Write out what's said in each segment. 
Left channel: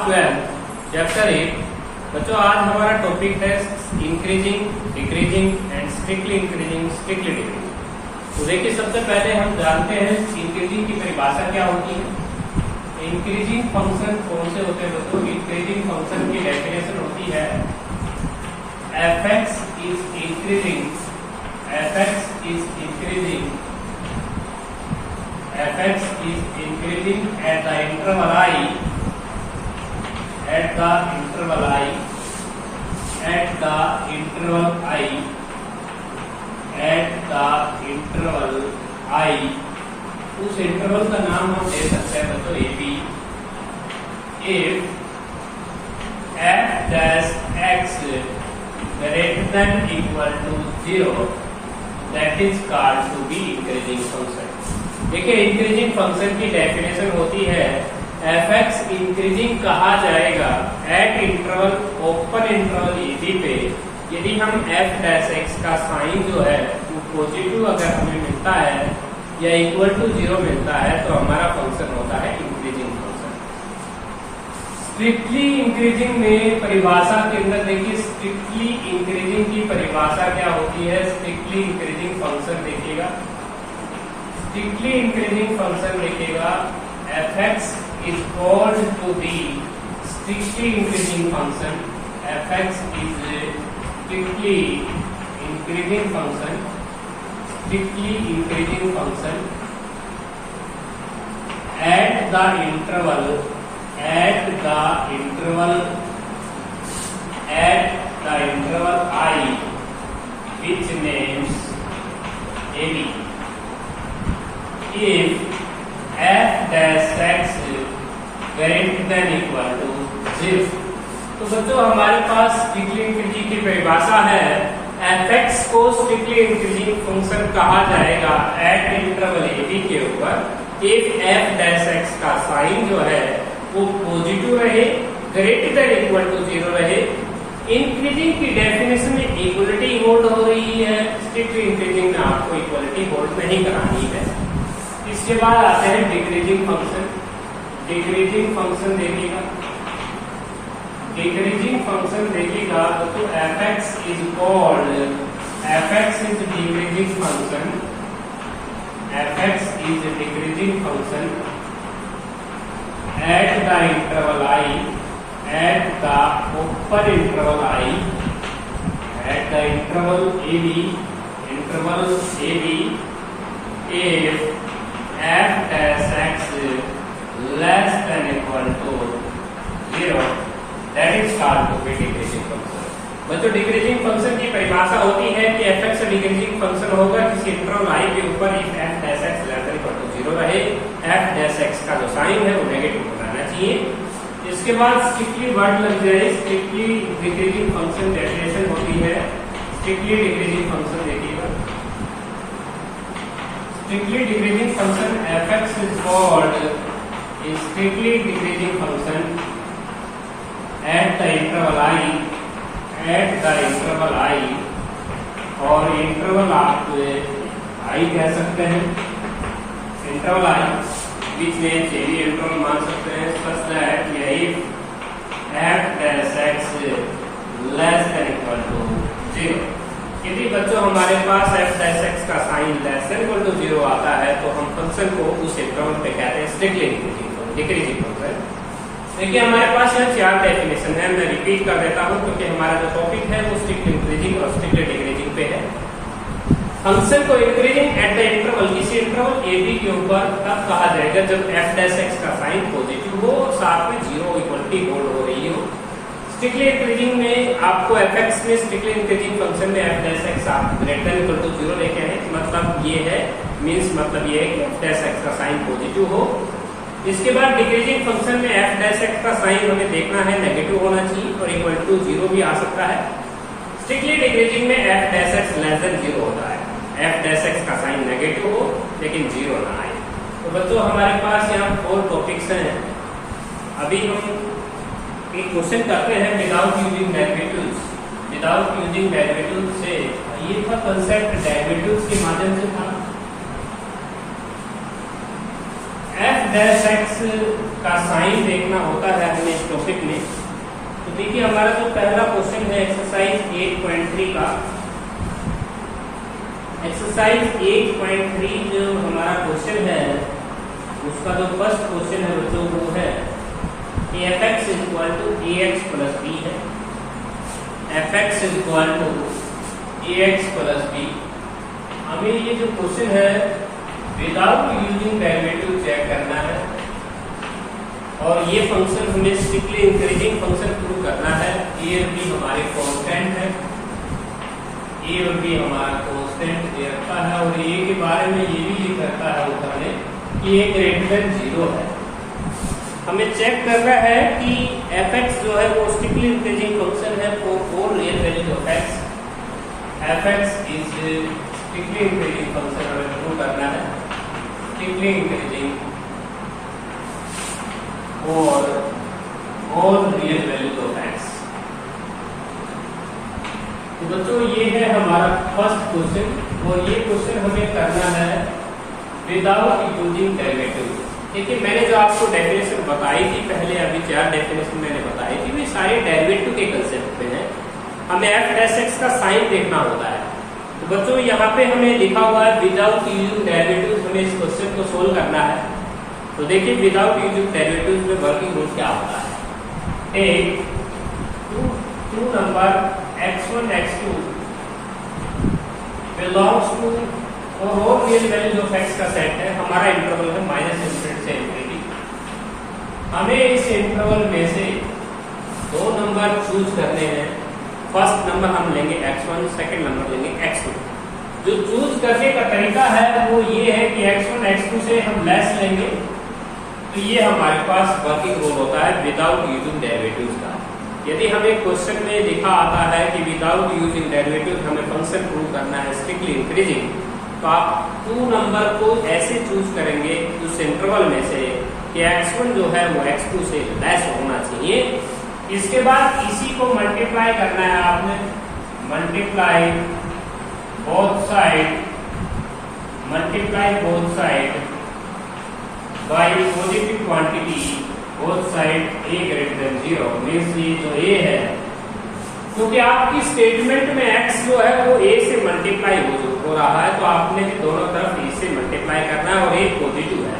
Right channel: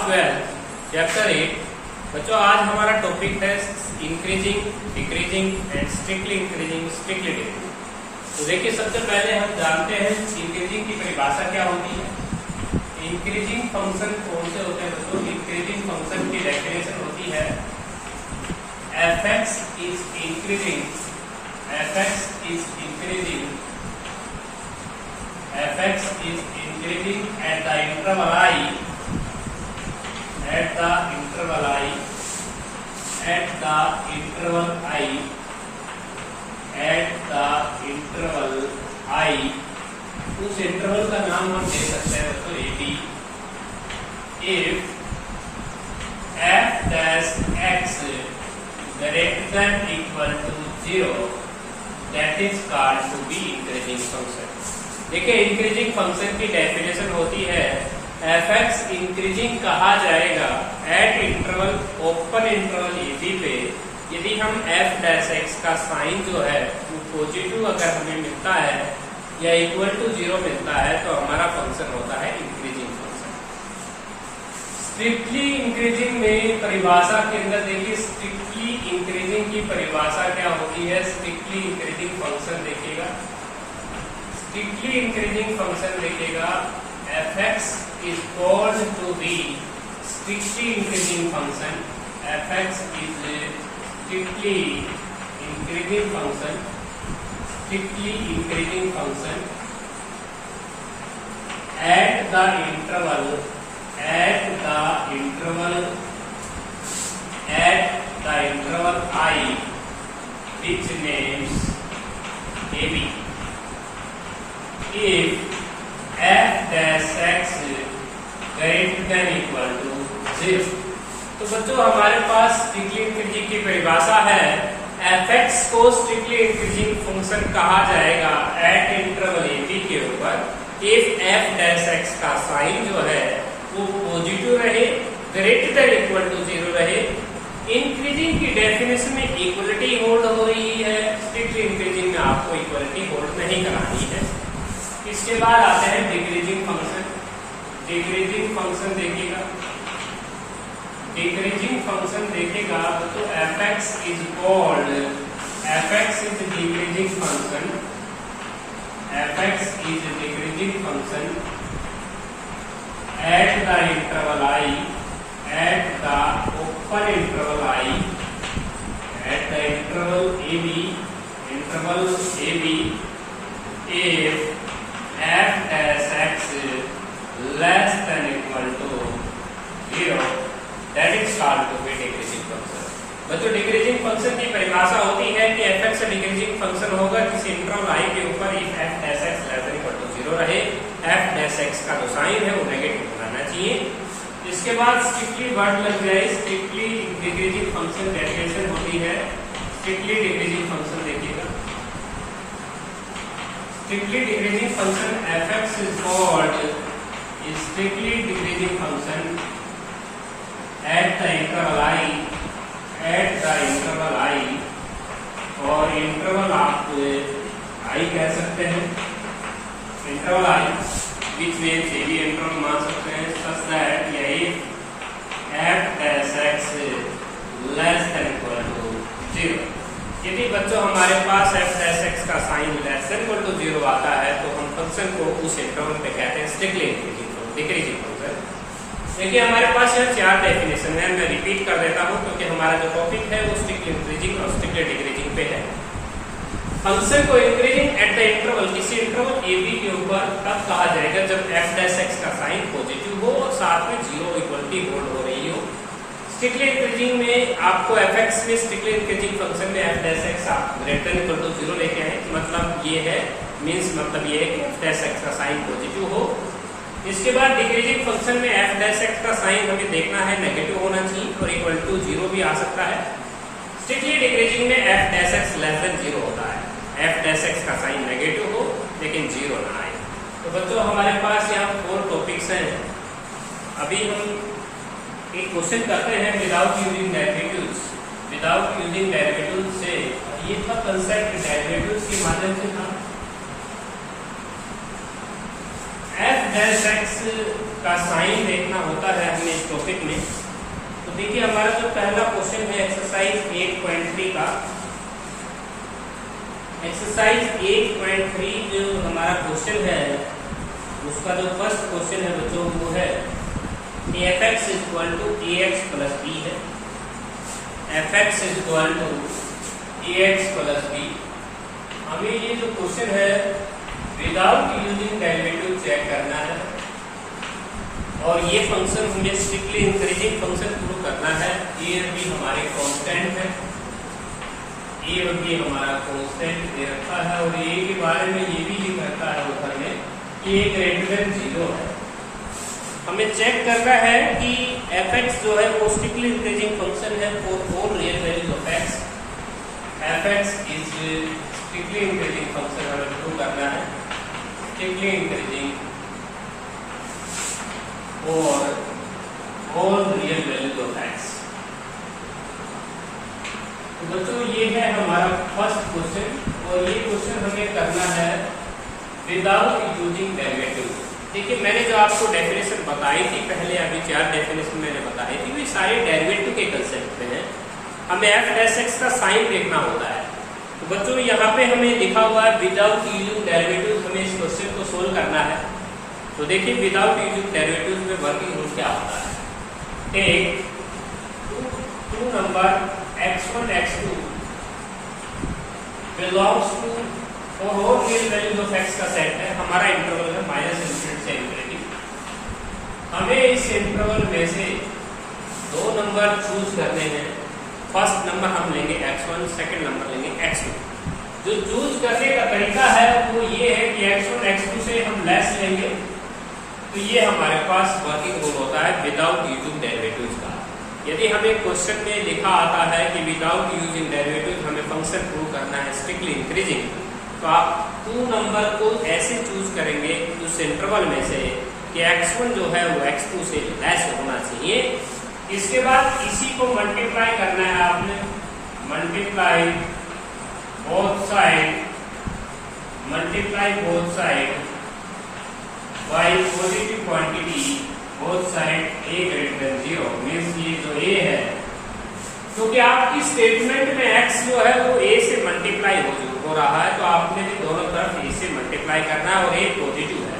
Class 12 chapter 8। बच्चों आज हमारा टॉपिक है increasing, decreasing and strictly increasing, strictly decreasing. तो देखिए सबसे पहले हम जानते हैं इंक्रीजिंग की परिभाषा क्या होती है। इंक्रीजिंग फंक्शन कौन से होते हैं दोस्तों? इंक्रीजिंग फंक्शन की डेफिनेशन होती है f(x) is increasing, f(x) is increasing, f(x) is increasing at the interval I, at the interval I, at the interval I, at the interval I, उस इंटरवल का नाम हम दे सकते हैं बच्चों AB। if f dash x greater than equal to 0, that is called to be increasing function। देखिए increasing function की definition होती है f(x) इंक्रीजिंग कहा जाएगा eight interval, open interval AB पे यदि हम f डैश x का साइन जो है वो पॉजिटिव अगर हमें मिलता है या इक्वल टू 0 मिलता है तो हमारा फंक्शन होता है इंक्रीजिंग फंक्शन। स्ट्रिक्टली इंक्रीजिंग में परिभाषा के अंदर देखिए स्ट्रिक्टली इंक्रीजिंग की परिभाषा क्या होती है। स्ट्रिक्टली इंक्रीजिंग फंक्शन देखिएगा, स्ट्रिक्टली इंक्रीजिंग फंक्शन देखिएगा f(x) is called to be strictly increasing function। f(x) is strictly increasing function, strictly increasing function at the interval, at the interval, at the interval I, which names AB। if f dash x greater than equal to 0, तो बच्चों हमारे पास strictly increasing की परिभाषा है f(x) को strictly increasing function कहा जाएगा eight interval AB के ऊपर इफ f dash x का साइन जो है वो पॉजिटिव रहे, ग्रेटर देन इक्वल टू 0 रहे। इंक्रीजिंग की डेफिनेशन में इक्वलिटी होल्ड हो रही है, स्ट्रिक्टली इंक्रीजिंग में आपको इक्वलिटी होल्ड नहीं करानी है। इसके बाद आते हैं डिक्रीजिंग फंक्शन। डिक्रीजिंग फंक्शन देखिएगा, डिक्रीजिंग फंक्शन देखिएगा तो f(x) is called, f(x) is decreasing function, f(x) is decreasing function at the interval I, at the open interval I, at the interval AB, interval AB, if f dash x less than equal to 0, that is called to be decreasing function। बच्चों decreasing function की परिभाषा होती है कि f(x) decreasing function होगा किसी interval I के ऊपर if f dash x less than equal to 0 रहे, f dash x का जो साइन है वो नेगेटिव होना चाहिए। इसके बाद स्ट्रिक्टली वर्ड लग जाए, स्ट्रिक्टली डिक्रीजिंग फंक्शन डेफिनेशन होती है। स्ट्रिक्टली डिक्रीजिंग फंक्शन देखिएगा, strictly decreasing function f(x) is called strictly decreasing function at the interval I, at the interval I, और इंटरवल आप I कह सकते हैं, इंटरवल I which means ये भी इंटरवल मान सकते हैं such that यही f dash x less than equal to 0। यदि बच्चों हमारे पास f dash x का sign less than equal to 0 आता है तो हम फंक्शन को उस इंटरवल पे कहते हैं स्ट्रिक्टली डिक्रीजिंग फंक्शन। देखिए हमारे पास यहाँ 4 डेफिनेशन है, मैं रिपीट कर देता हूँ क्योंकि हमारा जो टॉपिक है वो स्ट्रिक्टली इंक्रीजिंग और स्ट्रिक्टली डिक्रीजिंग पे है। फंक्शन को इंक्रीजिंग एट द इंटरवल, किसी इंटरवल AB के ऊपर तब कहा जाएगा जब f dash x का साइन पॉजिटिव हो, साथ में 0 इक्वलिटी होल्ड हो रही हो। स्ट्रिक्टली इंक्रीजिंग में आपको f(x) में स्ट्रिक्टली इंक्रीजिंग फंक्शन में f dash x आप ग्रेटर देन इक्वल टू 0 लेके आए, मतलब ये है मींस मतलब ये है कि f dash x का साइन पॉजिटिव हो। इसके बाद डिक्रीजिंग फंक्शन में f dash x का साइन हमें देखना है नेगेटिव होना चाहिए और इक्वल टू 0 भी आ सकता है। स्ट्रिक्टली डिक्रीजिंग में f dash x less than 0 होता है, f dash x का साइन नेगेटिव हो लेकिन 0 ना आए। तो बच्चों हमारे पास यहाँ 4 टॉपिक्स हैं। अभी हम एक क्वेश्चन करते हैं without using derivatives. Without using derivatives से ये था कंसेप्ट डेरिवेटिव्स के माध्यम से था। f डैश x का साइन देखना होता है, हमने इस टॉपिक देखिए हमारा जो पहला क्वेश्चन है एक्सरसाइज 8.3 का, एक्सरसाइज 8.3 जो हमारा क्वेश्चन है उसका जो फर्स्ट क्वेश्चन है बच्चों वो है fx is equal to ax plus b है। fx is equal to ax plus b। हमें ये जो क्वेश्चन है विदाउट यूजिंग डेरिवेटिव चेक करना है और ये फंक्शन हमें स्ट्रिक्टली इंक्रीजिंग फंक्शन प्रूव करना है। a और b हमारे कांस्टेंट है, a और b हमारा कांस्टेंट दे रखा है और a के बारे में ये भी लिख रखा है ऊपर में कि a ग्रेटर देन 0 है। हमें चेक करना है कि fx जो है वो स्ट्रिक्टली इंक्रीजिंग फंक्शन है for real values of x। fx is strictly increasing function हमें प्रूव करना है, स्ट्रिक्टली इंक्रीजिंग और all real values of x। तो बच्चों ये है हमारा फर्स्ट क्वेश्चन और ये क्वेश्चन हमें करना है विदाउट यूजिंग डेरिवेटिव। देखिए मैंने जो आपको डेफिनेशन बताई थी पहले, अभी 4 डेफिनेशन मैंने बताई थी, वे सारे डेरिवेटिव के कंसेप्ट पे हैं। हमें f(x) का साइन देखना होता है। तो बच्चों यहाँ पे हमें लिखा हुआ है विदाउट यूजिंग डेरिवेटिव, हमें इस क्वेश्चन को सोल्व करना है। तो देखिए विदाउट यूजिंग डेरिवेटिव में वर्किंग रूल क्या होता है। Take two number x1 x2 belongs to और all real values of x का सेट है। हमारा इंटरवल है -∞ से ∞। हमें इस इंटरवल में से 2 नंबर चूज करने हैं। फर्स्ट नंबर हम लेंगे x1, सेकंड नंबर लेंगे x2। जो चूज करने का तरीका है वो ये है कि x1 x2 से हम लेस लेंगे, तो ये हमारे पास वर्किंग रूल होता है विदाउट यूजिंग डेरिवेटिव्स का। यदि हमें क्वेश्चन में लिखा आता है कि विदाउट यूजिंग डेरिवेटिव हमें फंक्शन प्रूव करना है स्ट्रिक्टली इंक्रीजिंग, तो आप 2 नंबर को ऐसे चूज करेंगे उस इंटरवल में से कि x1 जो है वो x2 से लेस होना चाहिए। इसके बाद इसी को मल्टीप्लाई करना है आपने, multiply both side by positive quantity both side a greater than 0। Means ये जो a है, क्योंकि आपकी स्टेटमेंट में x जो है वो a से मल्टीप्लाई हो रहा है, तो आपने दोनों तरफ a से मल्टीप्लाई करना है और a पॉजिटिव है।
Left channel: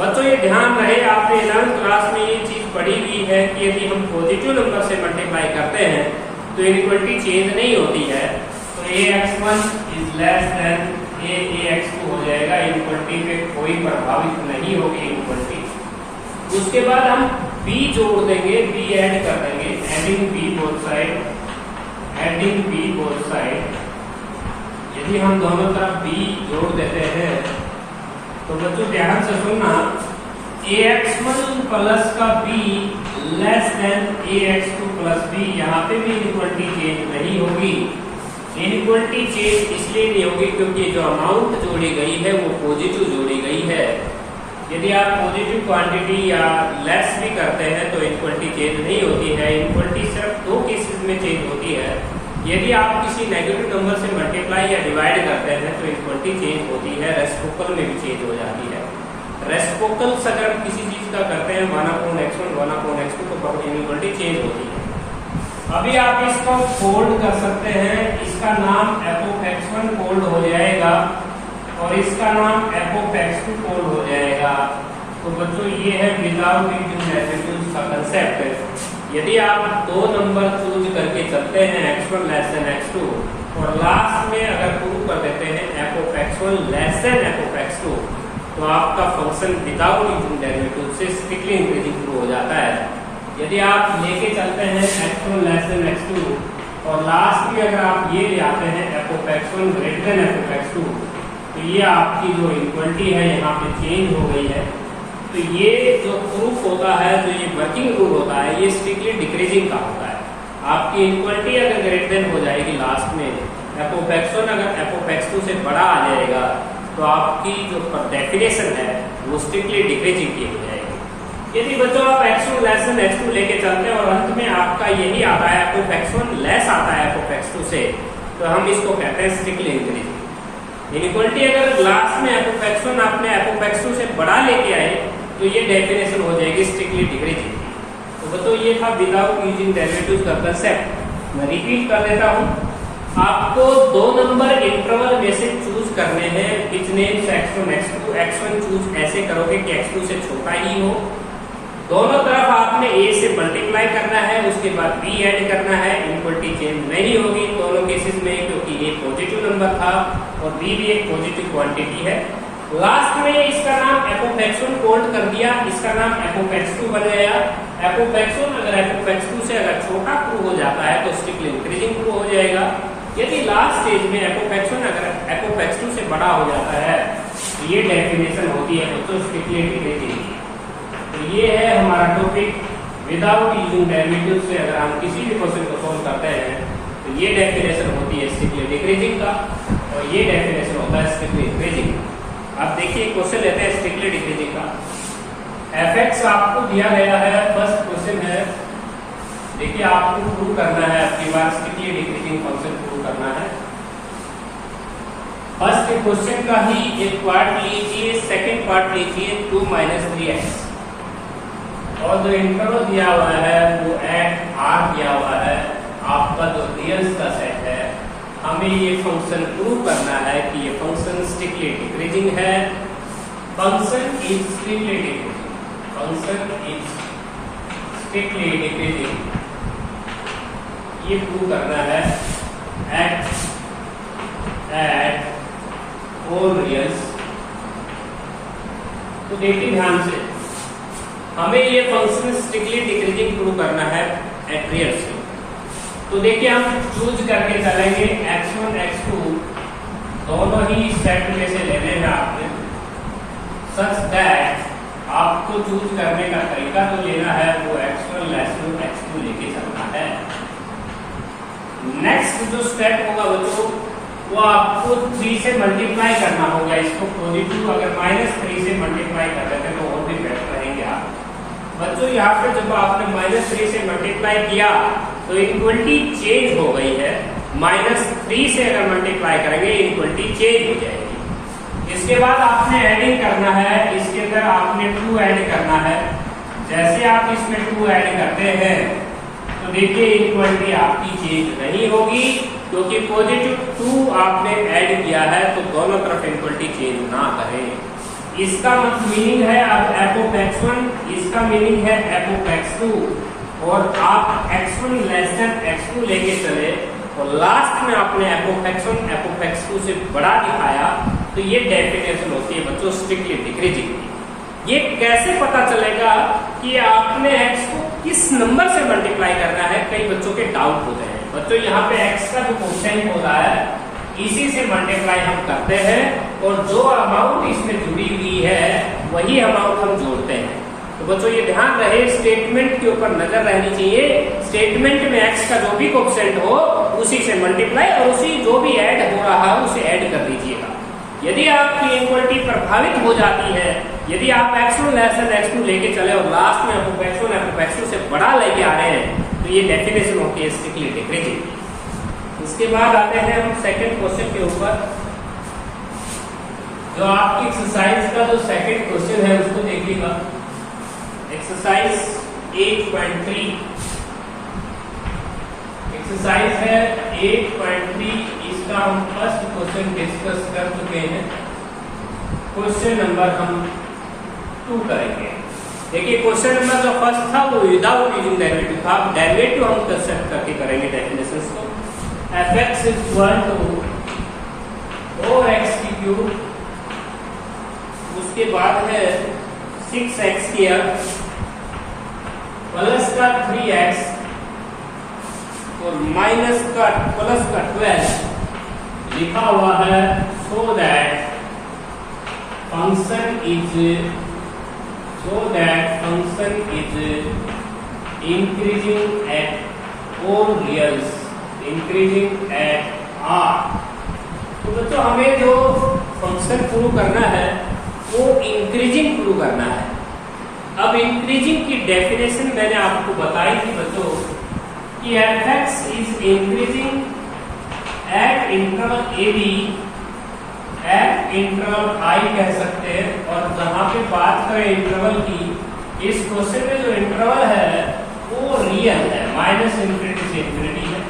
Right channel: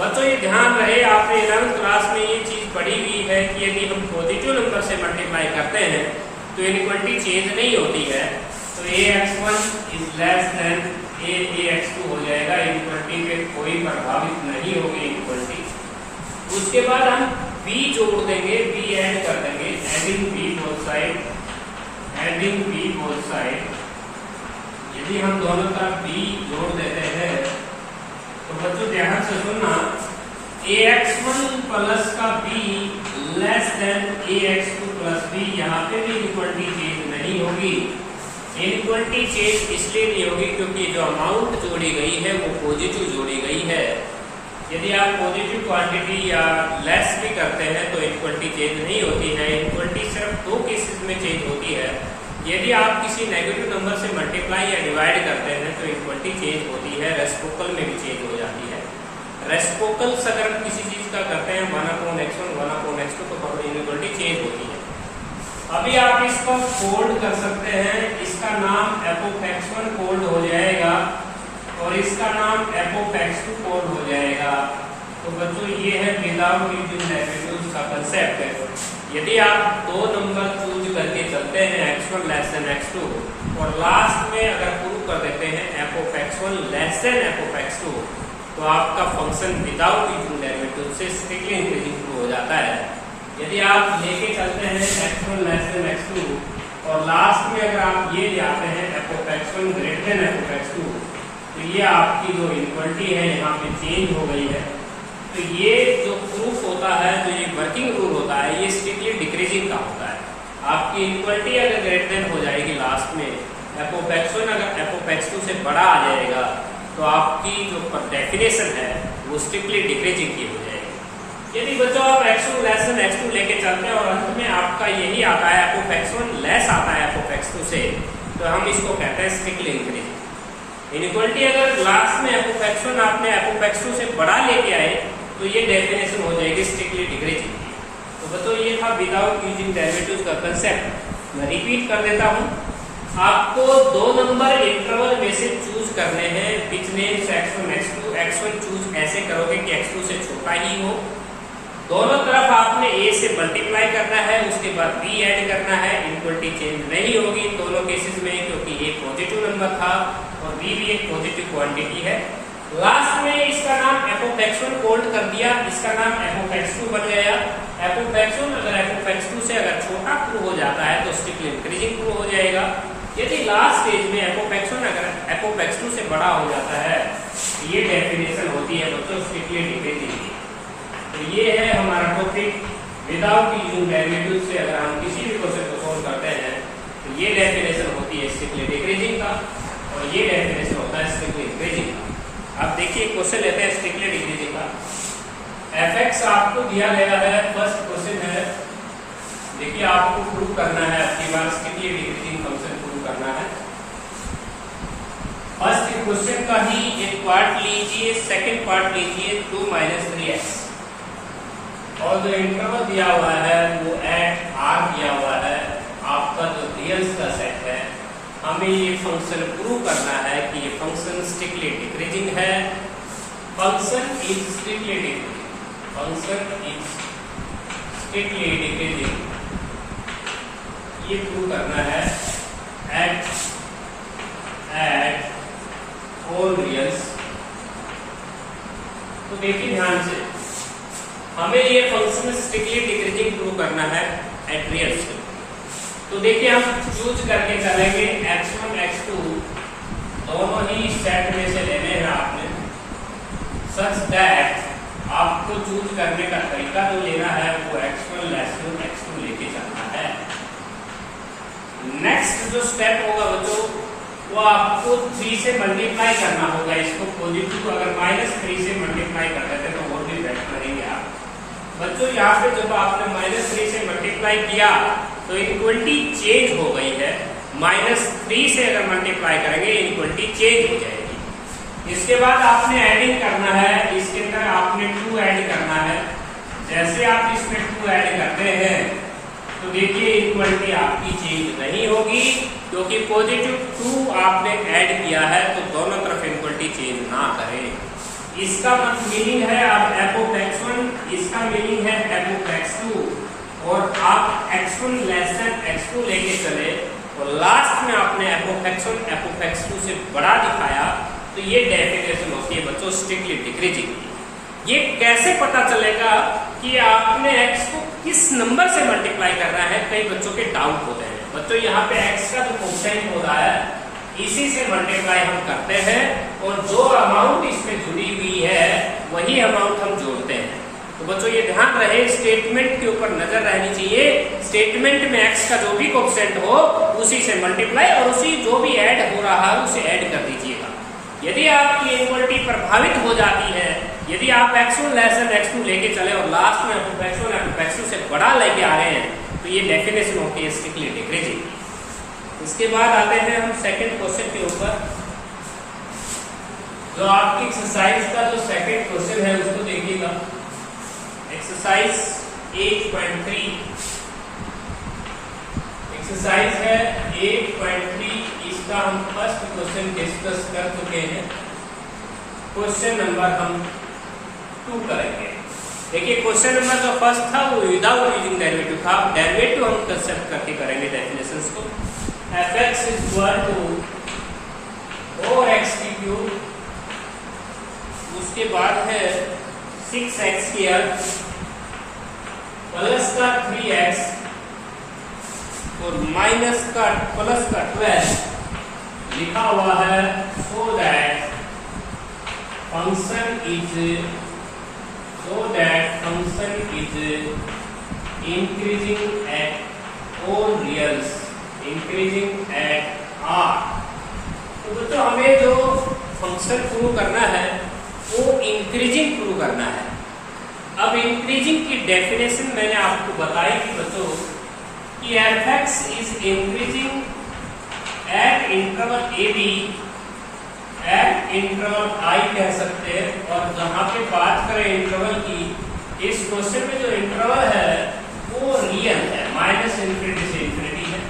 बच्चों ये ध्यान रहे, आपने 11th क्लास में ये चीज पढ़ी हुई है कि यदि हम पॉजिटिव नंबर से मल्टीप्लाई करते हैं तो इनइक्वालिटी चेंज नहीं होती है। तो ax1 is less than ax2 हो जाएगा, इनइक्वालिटी पे कोई प्रभावित नहीं होगी इनइक्वालिटी। उसके बाद हम b जोड़ देंगे, b ऐड कर देंगे, एडिंग b बोथ साइड। यदि हम दोनों तरफ b जोड़ देते हैं तो बच्चों ध्यान से सुनना, ax1 प्लस का b less than ax2 plus b, यहाँ पे भी इनइक्वालिटी चेंज नहीं होगी। इनइक्वालिटी चेंज इसलिए नहीं होगी क्योंकि जो अमाउंट जोड़ी गई है वो पॉजिटिव जोड़ी गई है। यदि आप पॉजिटिव क्वांटिटी या लेस भी करते हैं तो इनइक्वालिटी चेंज नहीं होती है। इनइक्वालिटी सिर्फ 2 केसेस में चेंज होती है। यदि आप किसी नेगेटिव नंबर से मल्टीप्लाई या डिवाइड करते हैं तो इनइक्वालिटी चेंज होती है, रेसिप्रोकल में भी चेंज हो जाती है। रेसिप्रोकल अगर किसी चीज का करते हैं 1/x1 1/x2 तो इनइक्वालिटी चेंज होती है। अभी आप इसको फोल्ड कर सकते हैं, इसका नाम f(x1) फोल्ड हो जाएगा और इसका नाम f(x2) फोल्ड हो जाएगा। तो बच्चों ये है विदाउट यूजिंग डेरिवेटिव्स का कंसेप्ट। यदि आप 2 नंबर चूज करके चलते हैं x1 लेस देन x2 और लास्ट में अगर प्रूव कर देते हैं f(x1) लेस देन f(x2), तो आपका फंक्शन विदाउट यूजिंग डेरिवेटिव से स्ट्रिक्टली इंक्रीजिंग प्रूव हो जाता है। यदि आप लेके चलते हैं x1 लेस देन x2 और लास्ट में अगर आप ये ले आते हैं f(x1) ग्रेटर देन f(x2), तो ये आपकी जो इक्वलिटी है यहाँ पे चेंज हो गई है। तो ये जो प्रूफ होता है, जो ये वर्किंग रूल होता है, ये स्ट्रिक्टली डिक्रीजिंग का होता है। आपकी इक्वलिटी अगर ग्रेटर देन हो जाएगी लास्ट में, f(x1) अगर f(x2) से बड़ा आ जाएगा तो आपकी जो डेफिनेशन है वो स्ट्रिक्टली डिक्रीजिंग की हो जाएगी। यदि बच्चों आप x1 लेस देन x2 लेके चलते हैं और अंत में आपका यही आता है f(x1) लेस आता है f(x2) से, तो हम इसको कहते हैं स्ट्रिक्टली इंक्रीजिंग। इनइक्वालिटी अगर लास्ट में f(x1) आपने f(x2) से बड़ा लेके आए तो ये डेफिनेशन हो जाएगी स्ट्रिक्टली डिक्रीजिंग। तो तो बच्चों ये था विदाउट यूजिंग डेरिवेटिव्स का कंसेप्ट। मैं रिपीट कर देता हूँ, आपको 2 नंबर इंटरवल में से चूज करने हैं विच names x1 x2। x1 choose ऐसे करोगे कि x2 से छोटा ही हो, दोनों तरफ आपने a से मल्टीप्लाई करना है, उसके बाद b ऐड करना है। इक्वलिटी चेंज नहीं होगी दोनों केसेस में, क्योंकि a पॉजिटिव नंबर था और b भी एक पॉजिटिव क्वांटिटी है। लास्ट में इसका नाम f of x1 कोल्ड कर दिया, इसका नाम f of x2 बन गया। f of x1 अगर f of x2 से अगर छोटा प्रूव हो जाता है तो स्ट्रिक्टली इंक्रीजिंग प्रूव हो जाएगा। यदि लास्ट स्टेज में f of x1 अगर f of x2 से बड़ा हो जाता है तो ये डेफिनेशन होती है बच्चों स्ट्रिक्टली डिक्रीजिंग। तो ये है हमारा टॉपिक विदाउट यूजिंग डेरिवेटिव से अगर हम किसी भी क्वेश्चन को सोल्व करते हैं तो ये डेफिनेशन होती है स्ट्रिक्टली डिक्रीजिंग का और ये डेफिनेशन होता है स्ट्रिक्टली इंक्रीजिंग का। अब देखिए क्वेश्चन लेते हैं स्ट्रिक्टली डिक्रीजिंग का। fx आपको दिया गया है, फर्स्ट क्वेश्चन है। देखिए आपको प्रूव करना है, अपनी बार स्ट्रिक्टली डिक्रीजिंग फंक्शन प्रूव करना है। फर्स्ट क्वेश्चन का ही एक पार्ट लीजिए, सेकंड पार्ट लीजिए 2 - 3x और जो इंटरवल दिया हुआ है वो एट r दिया हुआ है, आपका जो रियल्स का सेट है। हमें ये फंक्शन प्रूव करना है कि ये फंक्शन स्ट्रिक्टली डिक्रीजिंग है। Function is strictly decreasing, function is strictly decreasing, ये प्रूव करना है एट ऑल रियल्स। तो देखिए ध्यान से, हमें ये फंक्शन स्ट्रिक्टली डिक्रीजिंग प्रूव करना है एट रियल्स से। तो देखिए हम चूज करके चलेंगे x1 x2 दोनों ही सेट में से लेने हैं आपने, सच दैट आपको चूज करने का तरीका जो लेना है वो x1 x2 लेके चलना है। नेक्स्ट जो स्टेप होगा बच्चों वो आपको 3 से मल्टीप्लाई करना होगा इसको पॉजिटिव, अगर -3 से मल्टीप्लाई कर देते तो और भी बेटर रहेंगे आप बच्चों। यहाँ पे जब आपने -3 से मल्टीप्लाई किया तो इक्वलिटी चेंज हो गई है। -3 से अगर मल्टीप्लाई करेंगे इक्वलिटी चेंज हो जाएगी। इसके बाद आपने एडिंग करना है, इसके अंदर आपने 2 ऐड करना है। जैसे आप इसमें 2 ऐड करते हैं तो देखिए इक्वलिटी आपकी चेंज नहीं होगी, क्योंकि पॉजिटिव 2 आपने ऐड किया है तो दोनों तरफ इक्वलिटी चेंज ना करें। इसका मीनिंग है आप f of x1, इसका मीनिंग है f of x2 और आप x1 x2 लेके चले और लास्ट में आपने f of x1 f of x2 से बड़ा दिखाया तो ये डेफिनेशन होती है बच्चों स्ट्रिक्टली डिक्रीजिंग। ये कैसे पता चलेगा कि आपने x को किस नंबर से मल्टीप्लाई करना है, कई बच्चों के डाउट होते हैं। बच्चों यहाँ पे x का जो कोएफिशिएंट होता है इसी से मल्टीप्लाई हम करते हैं और जो अमाउंट इसमें जुड़ी हुई है वही अमाउंट हम जोड़ते हैं। तो बच्चों ये ध्यान रहे, स्टेटमेंट के ऊपर नजर रहनी चाहिए। स्टेटमेंट में x का जो भी कोएफिशिएंट हो उसी से मल्टीप्लाई और उसी जो भी ऐड हो रहा है उसे ऐड कर दीजिएगा। यदि आपकी इक्वलिटी प्रभावित हो जाती है, यदि आप x1 x2 लेके चले और लास्ट में आप x1 x2 से बड़ा लेके आ रहे हैं तो ये डेफिनेशन होती है स्ट्रिक्टली डिक्रीजिंग। इसके बाद आते हैं हम सेकंड क्वेश्चन के ऊपर। जो आपकी एक्सरसाइज का जो सेकंड क्वेश्चन है उसको देखिएगा। एक्सरसाइज 8.3 एक्सरसाइज है 8.3। इसका हम फर्स्ट क्वेश्चन डिस्कस कर चुके हैं। क्वेश्चन नंबर हम 2 करेंगे। देखिए क्वेश्चन नंबर जो फर्स्ट था वो विदाउट यूजिंग डेरिवेटिव था। डेरिवेटिव हम कंसेप्ट करके करेंगे डेफिनेशंस को। fx is equal to 4x³ उसके बाद है 6x² प्लस का 3x और माइनस का प्लस का 12 लिखा हुआ है, so that function is increasing at all reals, increasing at r। तो बच्चों हमें जो फंक्शन प्रूव करना है वो इंक्रीजिंग प्रूव करना है। अब इंक्रीजिंग की डेफिनेशन मैंने आपको बताई थी बच्चों कि fx is increasing at interval a b, eight interval i कह सकते हैं। और जहां पे बात करें इंटरवल की, इस क्वेश्चन में जो इंटरवल है माइनस इंफिनिटी से इंफिनिटी है।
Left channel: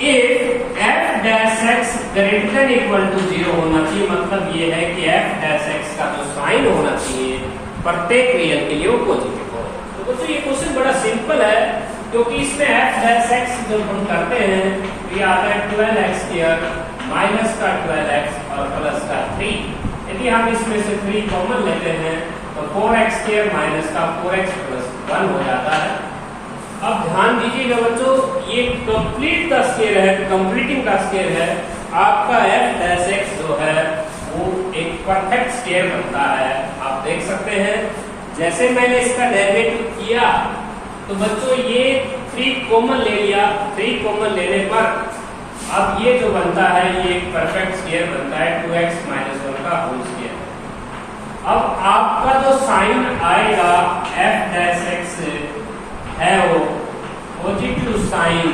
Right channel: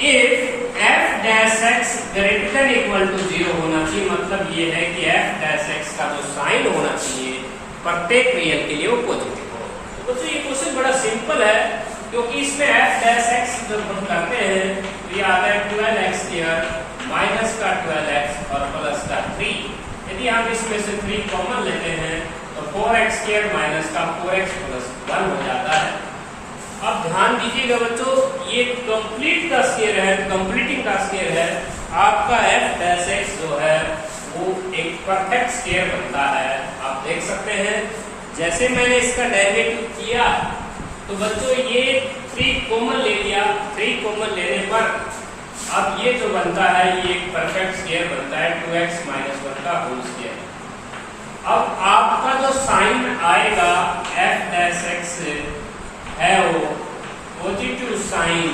If F dash X greater than equal to 0 होना चाहिए, मतलब ये है कि एफ डैश एक्स का जो साइन होना चाहिए प्रत्येक रियल के लिए वो पॉजिटिव हो। तो बच्चों ये क्वेश्चन बड़ा सिंपल है, क्योंकि इसमें एफ डैश एक्स जब हम करते हैं तो ये आता है 12x² माइनस का 12x और प्लस का 3। यदि हम इसमें से 3 कॉमन लेते हैं तो 4x² माइनस का 4x प्लस 1 हो जाता है। अब ध्यान दीजिएगा बच्चों, ये कंप्लीट का स्केयर है, कंप्लीटिंग का स्केयर है। आपका एफ डैश एक्स जो है वो एक परफेक्ट स्केयर बनता है। आप देख सकते हैं जैसे मैंने इसका डेरिवेटिव किया तो बच्चों ये 3 कॉमन ले लिया, 3 कॉमन लेने पर अब ये जो बनता है ये एक परफेक्ट स्केयर बनता है 2x माइनस 1 का होल स्केयर। अब आपका जो साइन आएगा एफ डैश एक्स है वो positive sign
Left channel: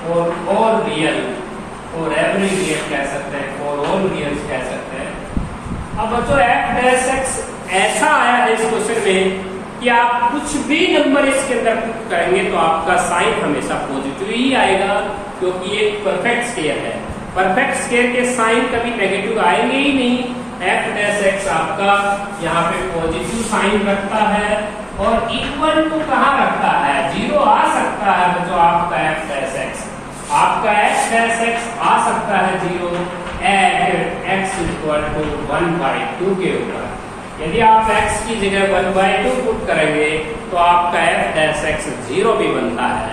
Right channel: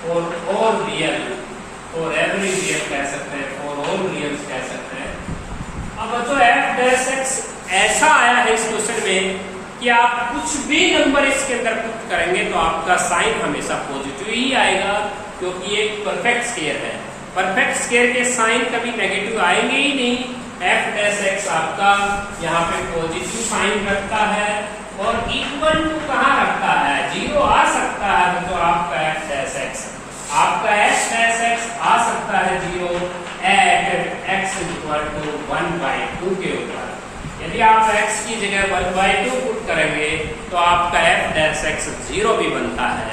for all real, और एवरी रियल कह सकते हैं, फॉर ऑल रियल्स कह सकते हैं। अब बच्चों एफ डैश एक्स ऐसा आया है इस क्वेश्चन में कि आप कुछ भी नंबर इसके अंदर पुट करेंगे तो आपका साइन हमेशा पॉजिटिव ही आएगा, क्योंकि ये परफेक्ट स्केयर है। परफेक्ट स्केयर के साइन कभी नेगेटिव आएंगे ही नहीं। एफ डैश एक्स आपका यहाँ पे पॉजिटिव साइन रखता है और इक्वल टू कहाँ रखता है, 0 आ सकता है। तो आपका एफ डैश एक्स, आपका एफ डैश एक्स आ सकता है 0 एट एक्स इक्वल टू 1/2 के ऊपर। यदि आप x की जगह 1/2 पुट करेंगे तो आपका एफ डैश एक्स 0 भी बनता है।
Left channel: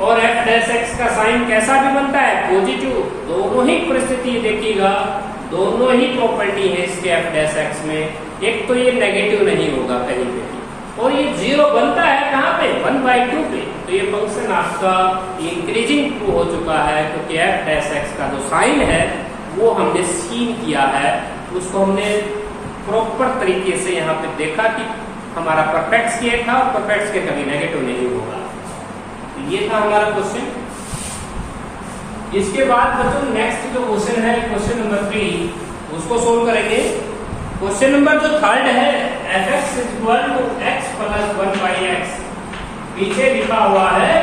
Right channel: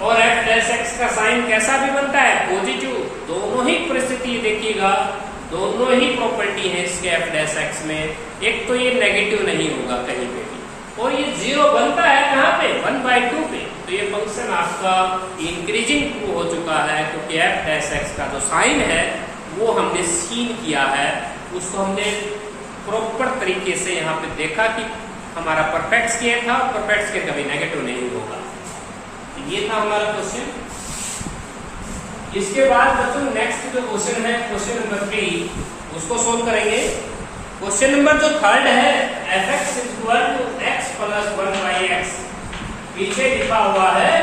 और एफ डैश एक्स का साइन कैसा भी बनता है, पॉजिटिव। दोनों ही परिस्थिति देखिएगा, दोनों ही प्रॉपर्टी है इसके एफ डैश एक्स में। एक तो ये नेगेटिव नहीं होगा कहीं पे, और ये 0 बनता है कहाँ पे, 1/2 पे। तो ये फंक्शन आपका इंक्रीजिंग ट्रू हो चुका है, क्योंकि एफ डैश एक्स का जो साइन है वो हमने सीन किया है, उसको हमने प्रॉपर तरीके से यहाँ पे देखा कि हमारा परफेक्ट स्केयर था, परफेक्ट स्केयर कभी नेगेटिव नहीं होगा। ये था हमारा क्वेश्चन। इसके बाद बच्चों नेक्स्ट जो क्वेश्चन है, क्वेश्चन नंबर 3, उसको सोल्व करेंगे। क्वेश्चन नंबर जो 3 है, f(x = x + 1/x), पीछे लिखा हुआ है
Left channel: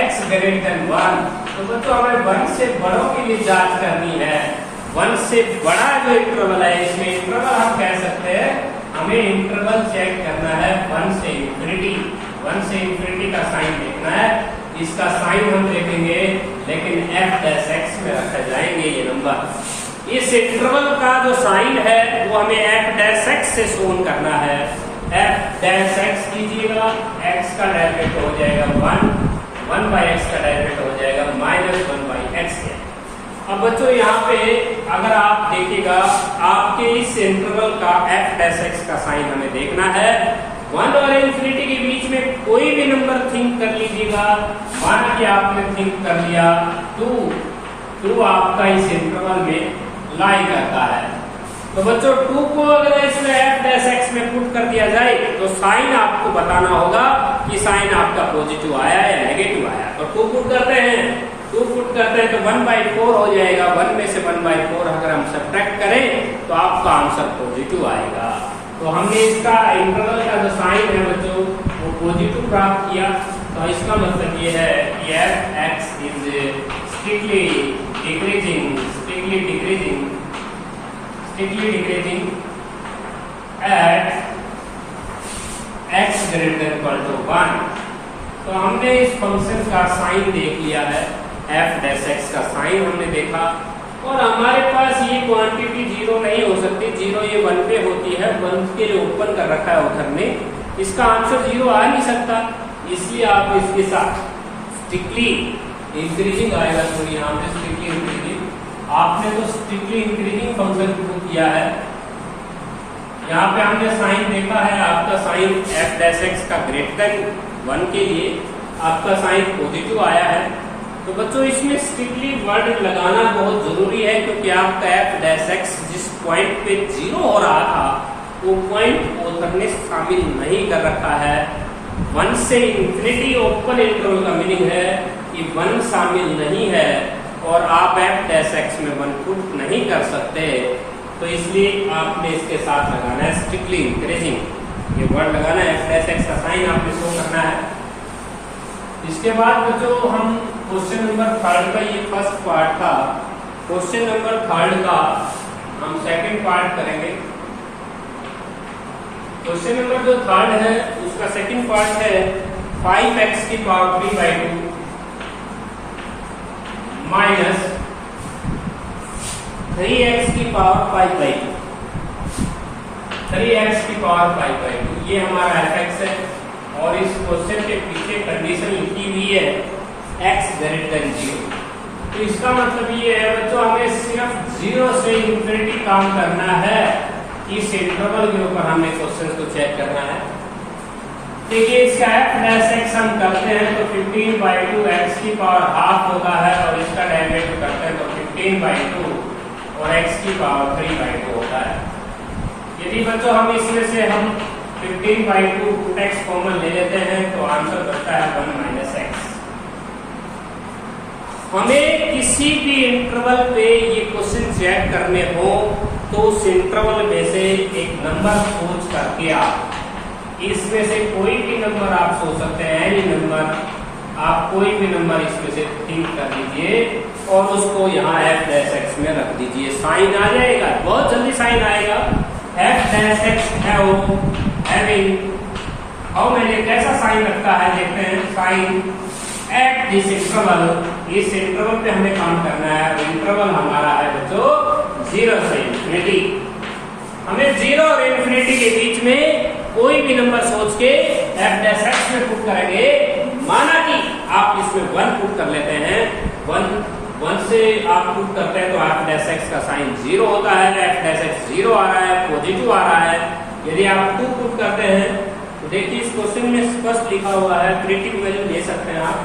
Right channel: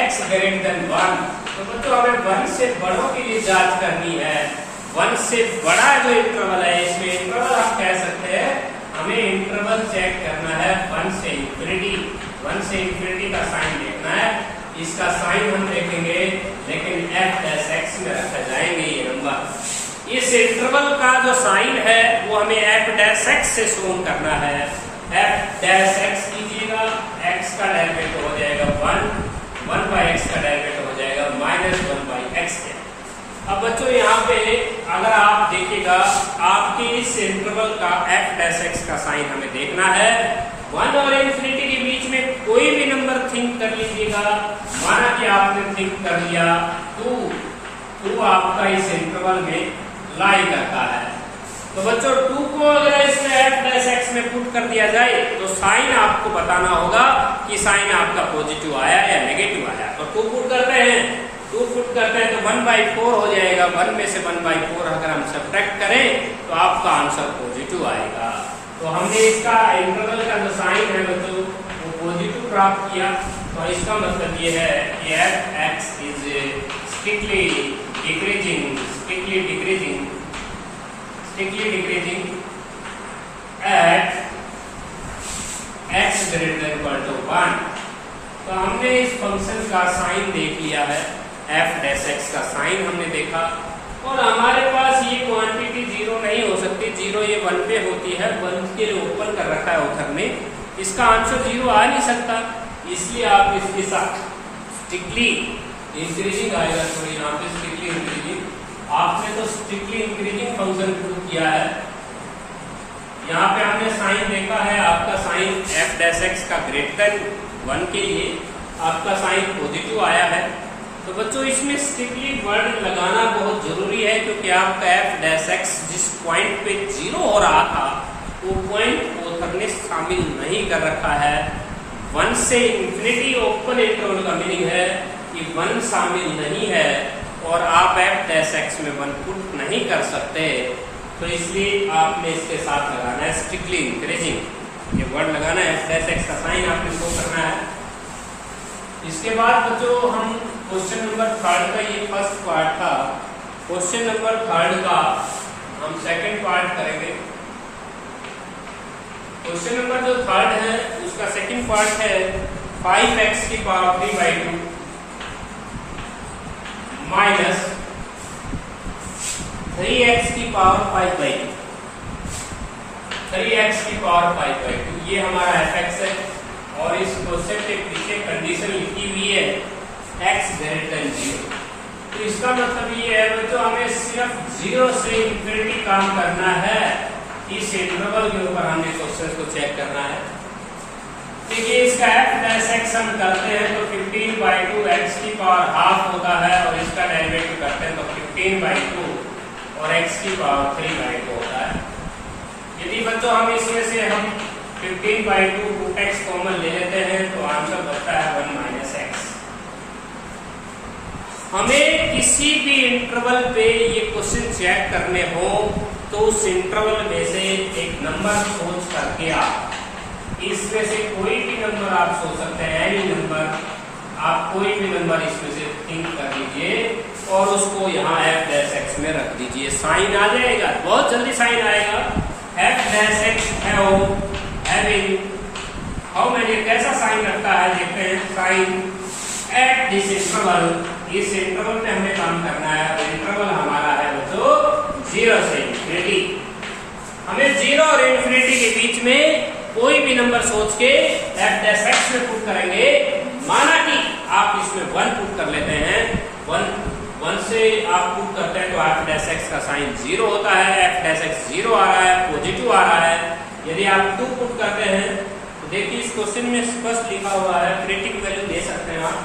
x > 1। तो बच्चों हमें 1 से बड़ों के लिए जांच करनी है। 1 से बड़ा जो इंटरवल है, इसमें इंटरवल हम कह सकते हैं, हमें इंटरवल चेक करना है 1 से इंफिनिटी। 1 से इंफिनिटी का साइन देखना है। इसका साइन हम देखेंगे, लेकिन एफ डैश एक्स में रख जाएंगे ये नंबर। इस इंटरवल का जो साइन है वो हमें एफ डैश एक्स से शोन करना है। एफ डैश एक्स कीजिएगा, एक्स का डेरिवेटिव हो जाएगा 1/x का डेरिवेटिव हो जाएगा -1/x के। अब बच्चों यहाँ पे अगर आप देखिएगा, आपके इस इंटरवल का एफ डैश एक्स का साइन हमें देखना है। 1 और इंफिनिटी के बीच में कोई भी नंबर थिंक कर लीजिएगा। माना कि आपने थिंक कर लिया 2 आपका इस इंटरवल में लाई करता है। तो बच्चों 2 को अगर इसमें एफ डैश एक्स में पुट कर दिया जाए तो साइन आपको बताना होगा कि साइन आपका पॉजिटिव आया या नेगेटिव आया। तो 2 पुट कर रहे हैं, 2 पुट करते हैं तो 1/4 हो जाएगा। 1 में से 1/4 अगर हम सब्ट्रैक्ट करें तो आपका आंसर पॉजिटिव आएगा। तो हमने इसका इंटरवल का जो साइन है बच्चों वो पॉजिटिव प्राप्त किया। तो इसका मतलब ये है कि F x is strictly decreasing eight x > 1। तो हमने इस फंक्शन का साइन देख लिया है, एफ डैश एक्स का साइन हमने देखा, और हमारे पास ये क्वांटिटी 0 नहीं हो सकती। 0 ये 1 पे होती है, 1 के लिए ओपन कर रखा है उधर में, इसका आंसर 0 आ नहीं सकता। इसलिए आप इसके साथ स्ट्रिक्टली इंक्रीजिंग आएगा। तो यहाँ पे स्ट्रिक्टली इंक्रीजिंग, आपने तो स्ट्रिक्टली इंक्रीजिंग फंक्शन प्रूव किया है। यहाँ पे हमने साइन देखा है, आपका साइन एफ डैश एक्स का ग्रेटर 1 के लिए आपका साइन पॉजिटिव आया है। तो बच्चों इसमें स्ट्रिक्टली वर्ड लगाना बहुत जरूरी है, क्योंकि आपका एफ डैश एक्स जिस पॉइंट पे 0 हो रहा था वो पॉइंट ऑथर ने शामिल नहीं कर रखा है। 1 से इंफिनिटी ओपन इंटरवल का मीनिंग है कि 1 शामिल नहीं है, और आप एफ डैश एक्स में 1 पुट नहीं कर सकते। तो इसलिए आपने इसके साथ लगाना है स्ट्रिक्टली इंक्रीजिंग, ये वर्ड लगाना है। एफ डैश एक्स का साइन आपने शो करना है। इसके बाद बच्चों हम क्वेश्चन नंबर 3 का, ये फर्स्ट पार्ट था, क्वेश्चन नंबर 3 का हम सेकंड पार्ट करेंगे। क्वेश्चन नंबर जो 3 है उसका सेकंड पार्ट है 5x की पावर 3/2 माइनस 3x की पावर 5/2, 3x की पावर 5/2, ये हमारा fx है। और इस क्वेश्चन के पीछे कंडीशन लिखी हुई है x greater than 0। तो इसका मतलब ये है बच्चों, हमें सिर्फ 0 से इंफिनिटी काम करना है। इस इंटरवल के ऊपर हमने क्वेश्चन को चेक करना है। देखिए इसका f' हम करते हैं तो 15/2 x की पावर हाफ होता है, और इसका डेरिवेटिव करते हैं तो 15/2 और x की पावर 3/2 होता है। यदि बच्चों हम इसमें से हम 15/2 x कॉमन ले लेते हैं तो आंसर बचता है 1 - x। हमें किसी भी इंटरवल पे ये क्वेश्चन चेक करने हो तो उस इंटरवल में से एक नंबर सोच करके आप इसमें से कोई भी नंबर आप सोच सकते हैं, एनी नंबर, आप कोई भी नंबर इसमें से थिंक कर लीजिए और उसको यहाँ f' में रख दीजिए। साइन आ जाएगा, बहुत जल्दी साइन आएगा। f' having हाउ मैंने कैसा साइन रखता है देखते हैं। साइन एट दिस इंटरवल, इस इंटरवल पे हमें काम करना है। इंटरवल हमारा है बच्चों 0 से इंफिनिटी। हमें 0 और इंफिनिटी के बीच में कोई भी नंबर सोच के f' में पुट करेंगे। माना कि आप इसमें 1 पुट कर लेते हैं, 1 से आप पुट करते हैं तो f' का साइन 0 होता है, f' 0 आ रहा है, पॉजिटिव आ रहा है। यदि आप 2 पुट करते हैं तो देखिए इस क्वेश्चन में स्पष्ट लिखा हुआ है, क्रिटिकल वैल्यू ले सकते हैं आप।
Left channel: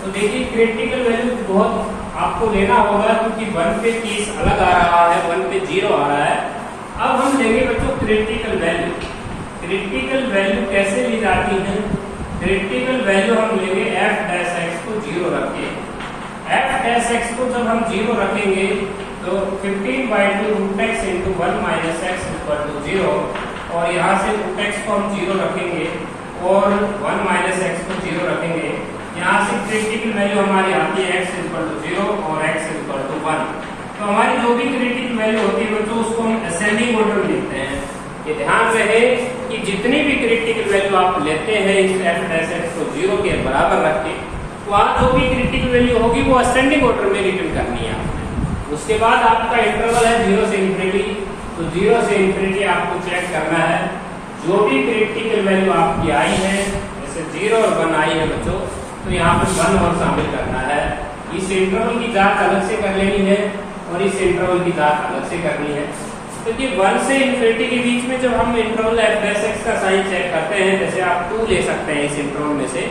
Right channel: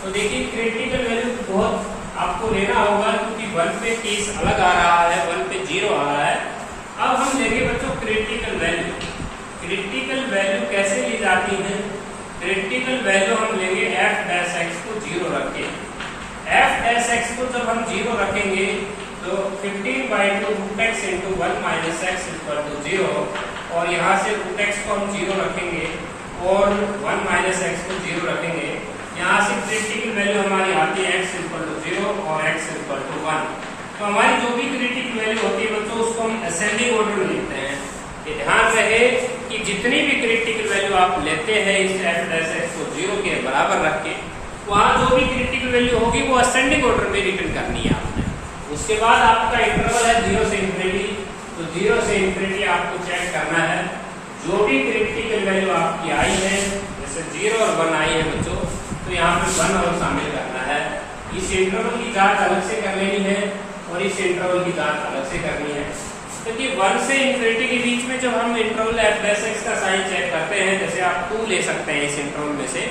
तो देखिए क्रिटिकल वैल्यू बहुत आपको लेना होगा क्योंकि 1 पे केस अलग आ रहा है, 1 पे 0 आ रहा है। अब हम लेंगे बच्चों क्रिटिकल वैल्यू। क्रिटिकल वैल्यू कैसे ली जाती है? क्रिटिकल वैल्यू हम लेंगे f' को 0 रख के। f' को जब हम 0 रखेंगे तो 15/2 √x × 1 - x = 0, और यहाँ से √x को हम 0 रखेंगे और 1 - x को 0 रखेंगे। यहाँ से क्रिटिकल वैल्यू हमारी आती है x = 0 और x = 1। तो हमारी जो भी क्रिटिकल वैल्यू होती है बच्चों उसको हम असेंडिंग ऑर्डर में लिखते हैं। ये ध्यान रहे कि जितनी भी क्रिटिकल वैल्यू आप लेते हैं इस f' को 0 के बराबर रख के, वहाँ जो भी क्रिटिकल वैल्यू होगी वो असेंडिंग ऑर्डर में रिटर्न करनी है आपने। उसके बाद आपका इंटरवल है 0 से इंफिनिटी, तो 0 से इंफिनिटी आपको चेक करना है। जो भी क्रिटिकल वैल्यू आपकी आई है, जैसे 0 और 1 आई है बच्चों, तो यहाँ पे 1 और शामिल करना है। इस इंटरवल की जांच अलग से कर लेनी है और इस इंटरवल की जांच अलग से करनी है। तो ये 1 से इंफिनिटी के बीच में जब हम इंटरवल f' का साइन चेक करते हैं, जैसे आप 2 ले सकते हैं इस इंटरवल में से,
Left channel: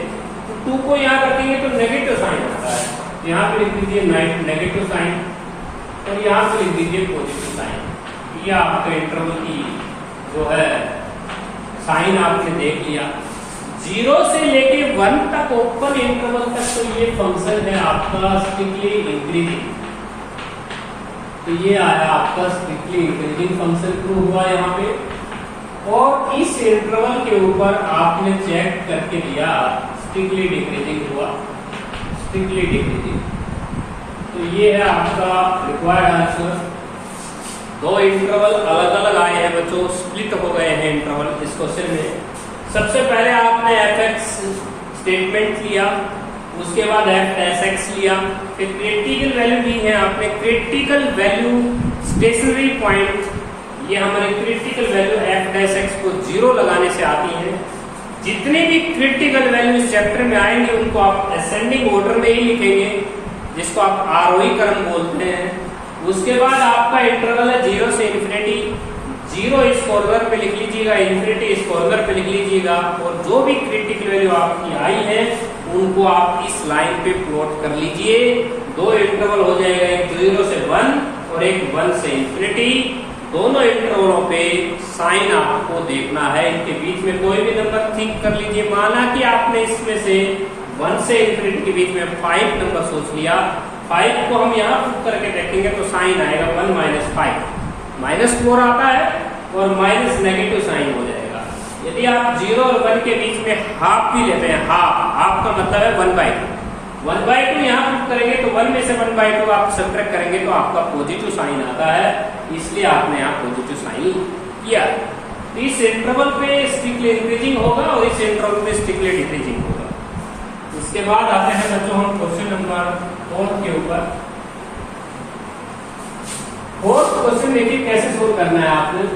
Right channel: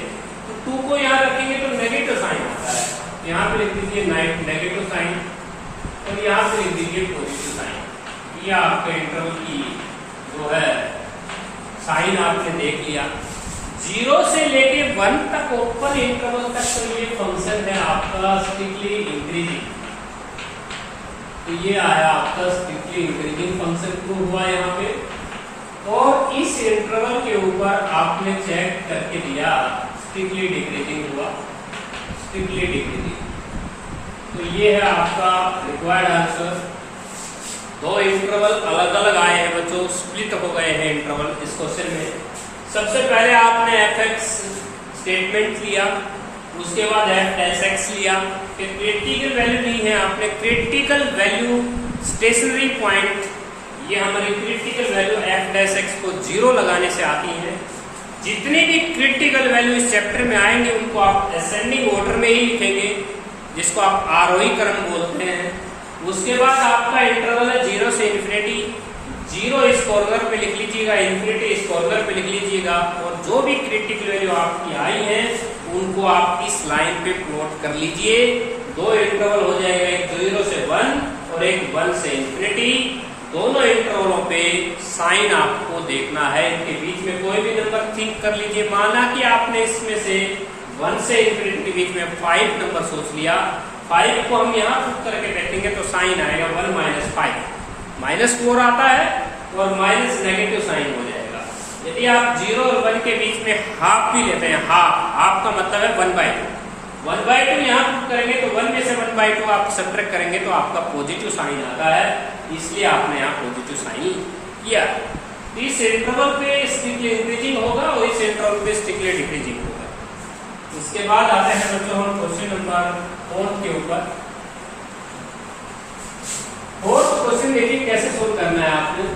तो 2 को यहाँ रखेंगे तो नेगेटिव साइन आता है। यहाँ पे लिख दीजिए नेगेटिव साइन और यहाँ पे लिख दीजिए पॉजिटिव साइन। ये आपके इंटरवल की जो है साइन आपने देख लिया। 0 से लेके 1 तक ओपन इंटरवल तक तो ये फंक्शन है आपका स्ट्रिक्टली इंक्रीजिंग। तो ये आया आपका स्ट्रिक्टली इंक्रीजिंग फंक्शन प्रूव हुआ यहाँ पे। और इस इंटरवल के ऊपर आपने चेक करके दिया स्ट्रिक्टली डिक्रीजिंग हुआ, स्ट्रिक्टली डिक्रीजिंग। तो ये है आपका रिक्वायर्ड आंसर। 2 इंटरवल अलग अलग आए हैं बच्चों, स्प्लिट हो गए हैं इंटरवल इस क्वेश्चन में। सबसे पहले आपने f(x) स्टेटमेंट लिया, उसके बाद f' लिया, फिर क्रिटिकल वैल्यू ली है आपने। क्रिटिकल वैल्यू स्टेशनरी पॉइंट, ये हमारी क्रिटिकल वैल्यू f' को 0 लगाने से आती है। जितने भी क्रिटिकल वैल्यू इस चैप्टर में आएंगे उनको आप असेंडिंग ऑर्डर में ही लिखेंगे, जिसको आप आरोही क्रम बोलते हैं। उसके बाद आपका इंटरवल है 0 से इंफिनिटी। 0 इस कॉर्नर पे लिख लीजिएगा, इंफिनिटी इस कॉर्नर पे लिख लीजिएगा, और जो भी क्रिटिकल वैल्यू आपकी आई है उनको आप इस लाइन पे प्लॉट कर लीजिए। 2 इंटरवल हो जाएगा, एक 0 से 1 और एक 1 से इंफिनिटी। दोनों इंटरवलों पे साइन आपको देखना है, इनके बीच में कोई भी नंबर थिंक कर लीजिए। माना कि आपने इसमें से 1 से इंफिनिटी के बीच में 5 नंबर सोच लिया, 5 को हम यहाँ पुट करके देखेंगे तो साइन आएगा 1 - 5, -4 आता है और माइनस नेगेटिव साइन हो जाएगा। यदि आप 0 और 1 के बीच में हाफ भी लेते हैं, हाफ का मतलब है 1/2, 1/2 यहाँ पुट करेंगे तो 1 में से 1/2 आप सब्ट्रैक्ट करेंगे तो आपका पॉजिटिव साइन आता है, इसलिए आपने यहाँ पॉजिटिव साइन किया। इस इंटरवल पे स्ट्रिक्टली इंक्रीजिंग होगा और इस इंटरवल पे स्ट्रिक्टली डिक्रीजिंग होगा। इसके बाद आते हैं बच्चों हम क्वेश्चन नंबर 4 के ऊपर। 4th क्वेश्चन देखिए कैसे सोल्व करना है आपने।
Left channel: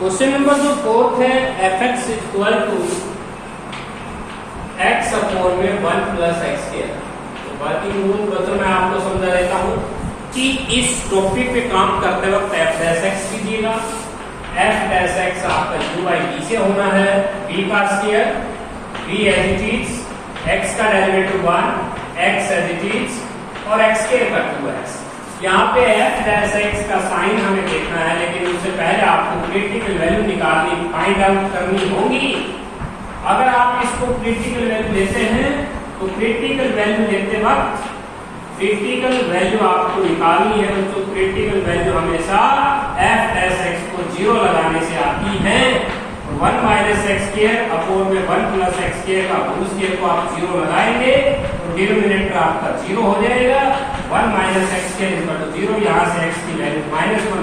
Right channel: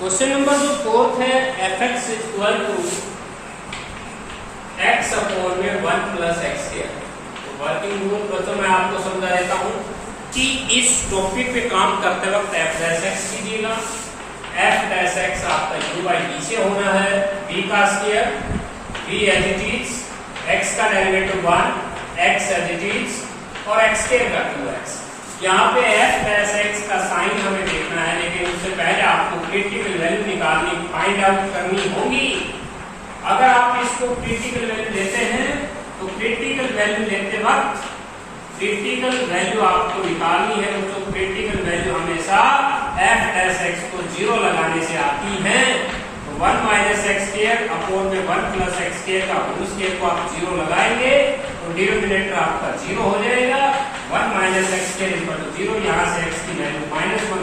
क्वेश्चन नंबर जो 4th है, fx equal to x upon में 1 प्लस एक्स स्क्वायर। तो वर्किंग रूल बच्चों मैं आपको समझा देता हूँ कि इस टॉपिक पे काम करते वक्त f डैश x कीजिएगा। f डैश x आपका u बाई b से होना है, b का स्क्वायर, b as it is, x का derivative 1, x as it is और x स्क्वायर का 2x। यहाँ पे f डैश x का साइन हमें देखना है, लेकिन उससे पहले आपको क्रिटिकल वैल्यू निकालनी, फाइंड आउट करनी होगी। अगर आप इसको क्रिटिकल वैल्यू लेते हैं तो क्रिटिकल वैल्यू लेते वक्त क्रिटिकल वैल्यू आपको निकालनी है, तो क्रिटिकल वैल्यू हमेशा f डैश x को 0 लगाने से आती है। 1 माइनस एक्स स्क्वायर अपॉन में 1 प्लस एक्स स्क्वायर का होल स्क्वायर को आप 0 लगाएंगे तो डिनोमिनेटर आपका 0 हो जाएगा। 1 minus X square equal to 0, यहाँ से x की वैल्यू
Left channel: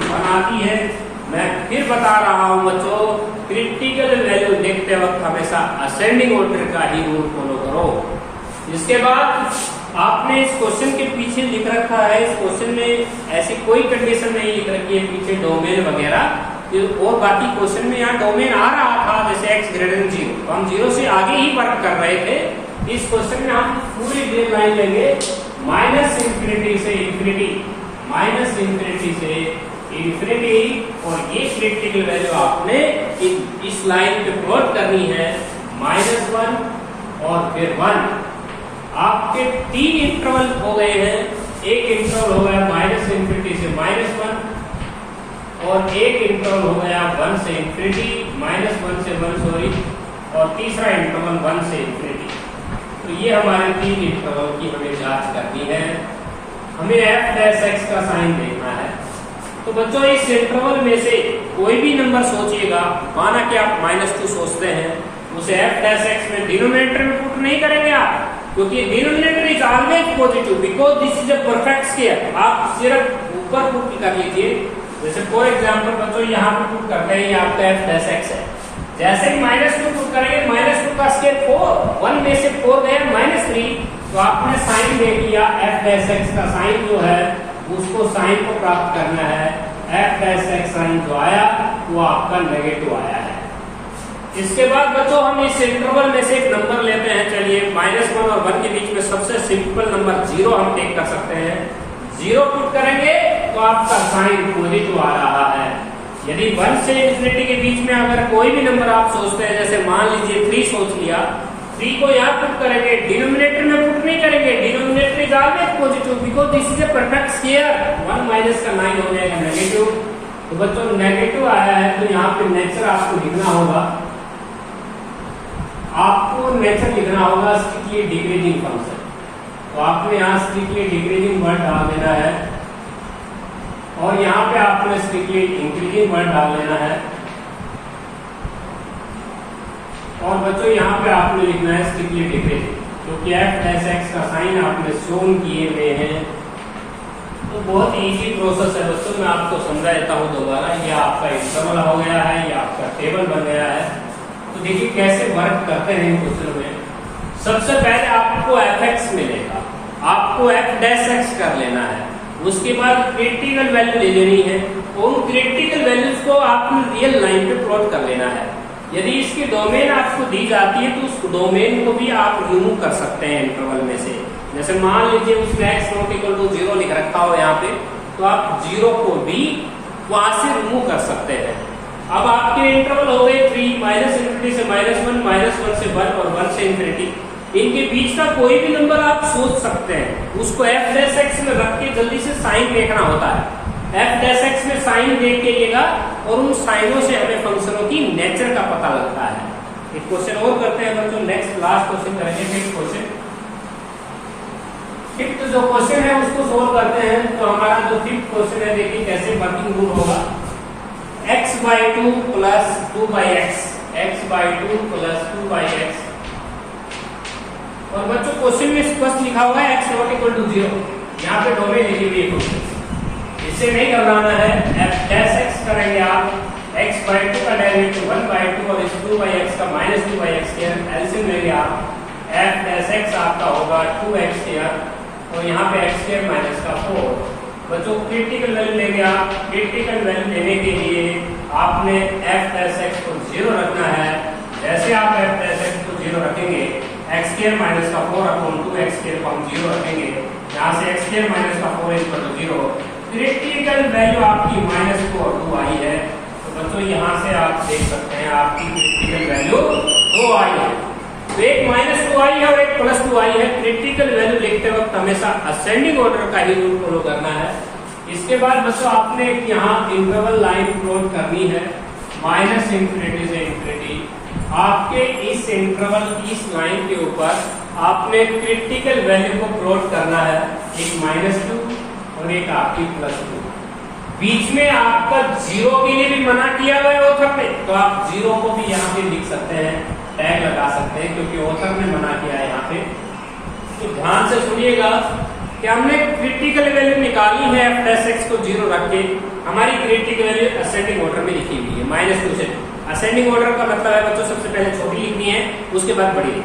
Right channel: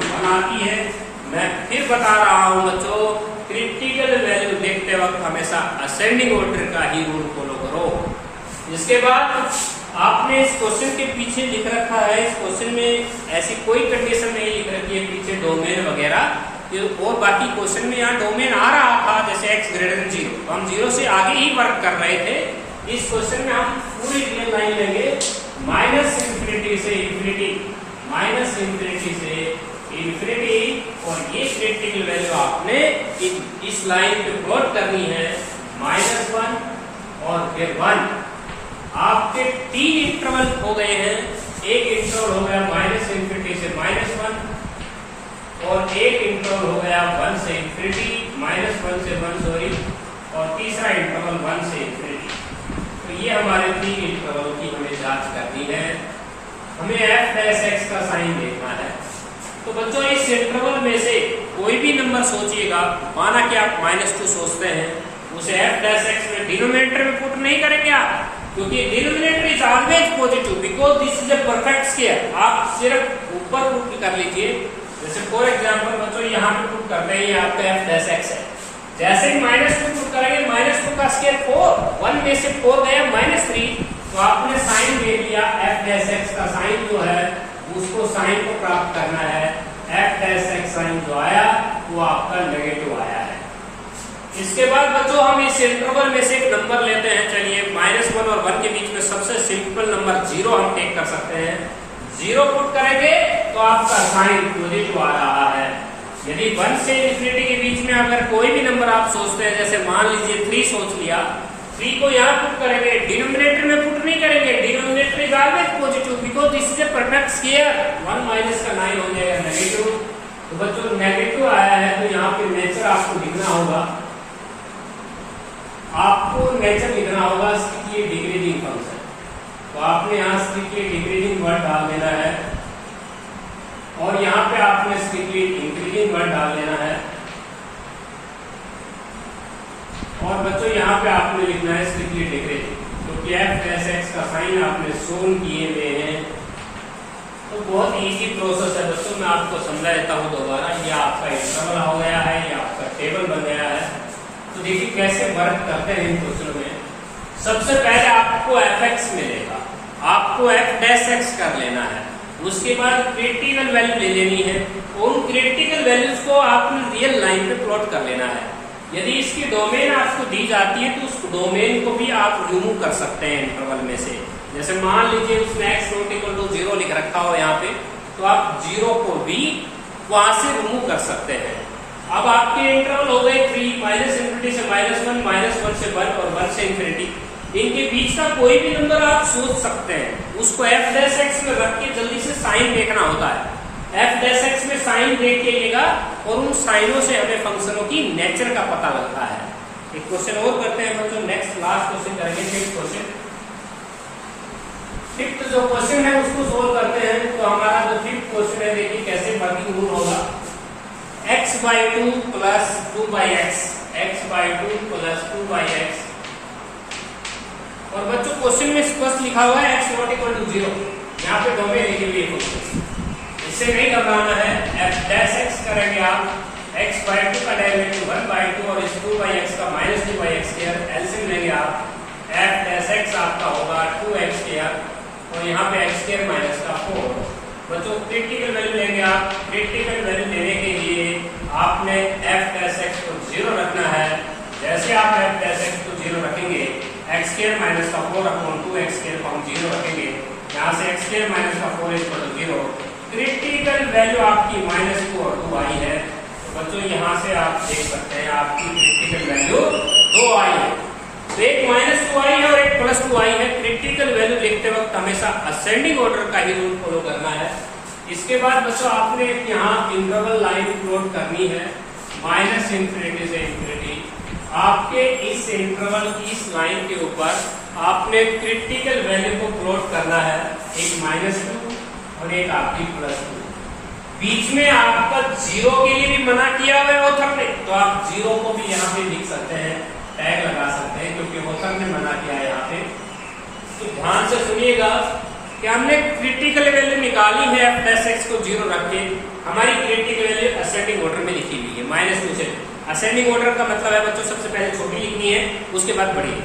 -1 आती है। मैं फिर बता रहा हूँ बच्चों, क्रिटिकल वैल्यू देखते वक्त हमेशा असेंडिंग ऑर्डर का ही रूल फॉलो करो। इसके बाद आपने इस क्वेश्चन के पीछे लिख रखा है, इस क्वेश्चन में ऐसी कोई कंडीशन नहीं लिख रखी है पीछे डोमेन वगैरह, और बाकी क्वेश्चन में यहाँ डोमेन आ रहा था जैसे x ग्रेटर देन 0, हम 0 से आगे ही वर्क कर रहे थे। इस क्वेश्चन में हम पूरी ड्रेन लाइन लेंगे माइनस इंफिनिटी से इंफिनिटी, माइनस इंफिनिटी से इंफिनिटी, और ये क्रिटिकल वैल्यू आपने इस लाइन पे प्लॉट करनी है, -1 और फिर 1। आपके 3 इंटरवल हो गए हैं, एक इंटरवल हो गया माइनस इंफिनिटी से -1 और एक इंटरवल हो गया 1 से इंफिनिटी, -1 से 1 सॉरी, और तीसरा इंटरवल 1 से इंफिनिटी। तो ये हमारे 3 इंटरवल की हमें जांच करनी है। हमें f डैश x का साइन देखना है। तो बच्चों इस इंटरवल में से कोई भी नंबर सोचिएगा, माना कि आप -2 सोचते हैं, उसे f डैश x में डिनोमिनेटर में पुट नहीं करेंगे आप, क्योंकि denominator is always positive because this is a perfect square. आप सिर्फ ऊपर पुट कर लीजिए, जैसे फॉर एग्जांपल बच्चों यहाँ पे पुट कर रहे हैं, ये आपका f डैश x है। जैसे ही -2 पुट करेंगे, -2 का स्क्वायर 4, 1 में से 4 गया -3, तो आपने साइन देख लिया। f डैश x का साइन जो है उसको साइन को प्राप्त करना है, f डैश x साइन जो आया वो आपका नेगेटिव आया है। इसके बाद बच्चों हम इस इंटरवल में से एक नंबर लेते हैं। चलिए -1 और 1 के बीच में सबसे सिंपल नंबर 0 हम टेक कर सकते हैं। 0 पुट करेंगे तो आपका साइन पॉजिटिव आ रहा है। यदि 1 से इंफिनिटी के बीच में अगर कोई भी नंबर आप सोचते हैं, जैसे मान लीजिए 3 सोच लिया, 3 को यहाँ पुट करेंगे, डिनोमिनेटर में पुट नहीं करेंगे, denominator is always positive because this is a perfect square. 1 minus का 9 हो जाएगा नेगेटिव। तो बच्चों नेगेटिव आया है तो यहाँ पे नेचर आपको लिखना होगा, आपको नेचर लिखना होगा स्ट्रिक्टली डिक्रीजिंग फंक्शन। तो आपने यहाँ स्ट्रिक्टली डिक्रीजिंग वर्ड डाल देना है और यहाँ पे आपने स्ट्रिक्टली इंक्रीजिंग वर्ड डाल देना है, और बच्चों यहाँ पे आपने लिखना है स्ट्रिक्टली डिक्रीजिंग, क्योंकि f डैश x का साइन आपने शोन किए हुए हैं। तो बहुत इजी प्रोसेस है बच्चों, मैं आपको समझा देता हूँ दोबारा। ये आपका इंटरवल हो गया है, ये आपका टेबल बन गया है। तो देखिए कैसे वर्क करते हैं इन क्वेश्चन में। सबसे पहले आपको fx मिलेगा, आपको f डैश x कर लेना है, उसके बाद क्रिटिकल वैल्यू ले लेनी है, उन क्रिटिकल वैल्यूज को आपको रियल लाइन पे प्लॉट कर लेना है। यदि इसकी डोमेन आपको दी जाती है तो उस डोमेन को भी आप रिमूव कर सकते हैं इंटरवल में से। जैसे मान लीजिए उसमें x नॉट इक्वल टू 0 लिख रखा हो यहाँ पे, तो आप 0 को भी वहां से रिमूव कर सकते हैं। अब आपके इंटरवल हो गए 3, माइनस इंफिनिटी से -1, -1 से 1 और 1 से इंफिनिटी। इनके बीच का कोई भी नंबर आप सोच सकते हैं, उसको f डैश x में रख के जल्दी से साइन देखना होता है। f डैश x में साइन देख के लेगा और उन साइनों से हमें फंक्शनों की नेचर का पता लगता है। एक क्वेश्चन और करते हैं बच्चों, नेक्स्ट लास्ट क्वेश्चन करेंगे, फिफ्थ क्वेश्चन। फिफ्थ जो क्वेश्चन है उसको सोल्व करते हैं। तो हमारा जो फिफ्थ क्वेश्चन है, देखिए कैसे वर्किंग रूल होगा। x/2 plus 2/x, x/2 plus 2/x। और बच्चों क्वेश्चन में स्पष्ट लिखा हुआ है x नॉट इक्वल टू 0, यहाँ पे डोमेन लिखी हुई है। इससे नहीं घबराना है, f' करेंगे आप, x/2 का डेरिवेटिव 1/2 और इस 2/x का -2/x², एलसीएम लेंगे आप, f' आपका होगा 2x², और यहाँ पे x² माइनस का 4। बच्चों क्रिटिकल वैल्यू लेंगे आप, क्रिटिकल वैल्यू लेने के लिए आपने f' को 0 रखना है। जैसे आप f' को 0 रखेंगे, x² माइनस का 4/2x² को हम 0 रखेंगे, यहाँ से x² माइनस का 4 इक्वल टू 0। क्रिटिकल वैल्यू आपकी -2 और 2 आई है। तो बच्चों यहाँ से आप देख सकते हैं आपकी क्रिटिकल वैल्यू 2 आई है। तो एक -2 आई है और एक +2 आई है। क्रिटिकल वैल्यू लिखते वक्त हमेशा असेंडिंग ऑर्डर का ही रूल फॉलो करना है। इसके बाद बच्चों आपने यहाँ इंटरवल लाइन प्लॉट करनी है, -∞ से ∞। आपके इस इंटरवल इस लाइन के ऊपर आपने क्रिटिकल वैल्यू को प्लॉट करना है, एक -2 और एक आपकी +2। बीच में आपका 0 के लिए भी मना किया हुआ है ऑथर ने, तो आप 0 को भी यहाँ पे लिख सकते हैं, टैग लगा सकते हैं, क्योंकि ऑथर ने मना किया है यहाँ पे। तो ध्यान से सुनिएगा कि हमने क्रिटिकल वैल्यू निकाली है f' को 0 रख के। हमारी क्रिटिकल वैल्यू असेंडिंग ऑर्डर में लिखी हुई है, -2 से। असेंडिंग ऑर्डर का मतलब है बच्चों सबसे पहले छोटी लिखनी है, उसके बाद बड़ी।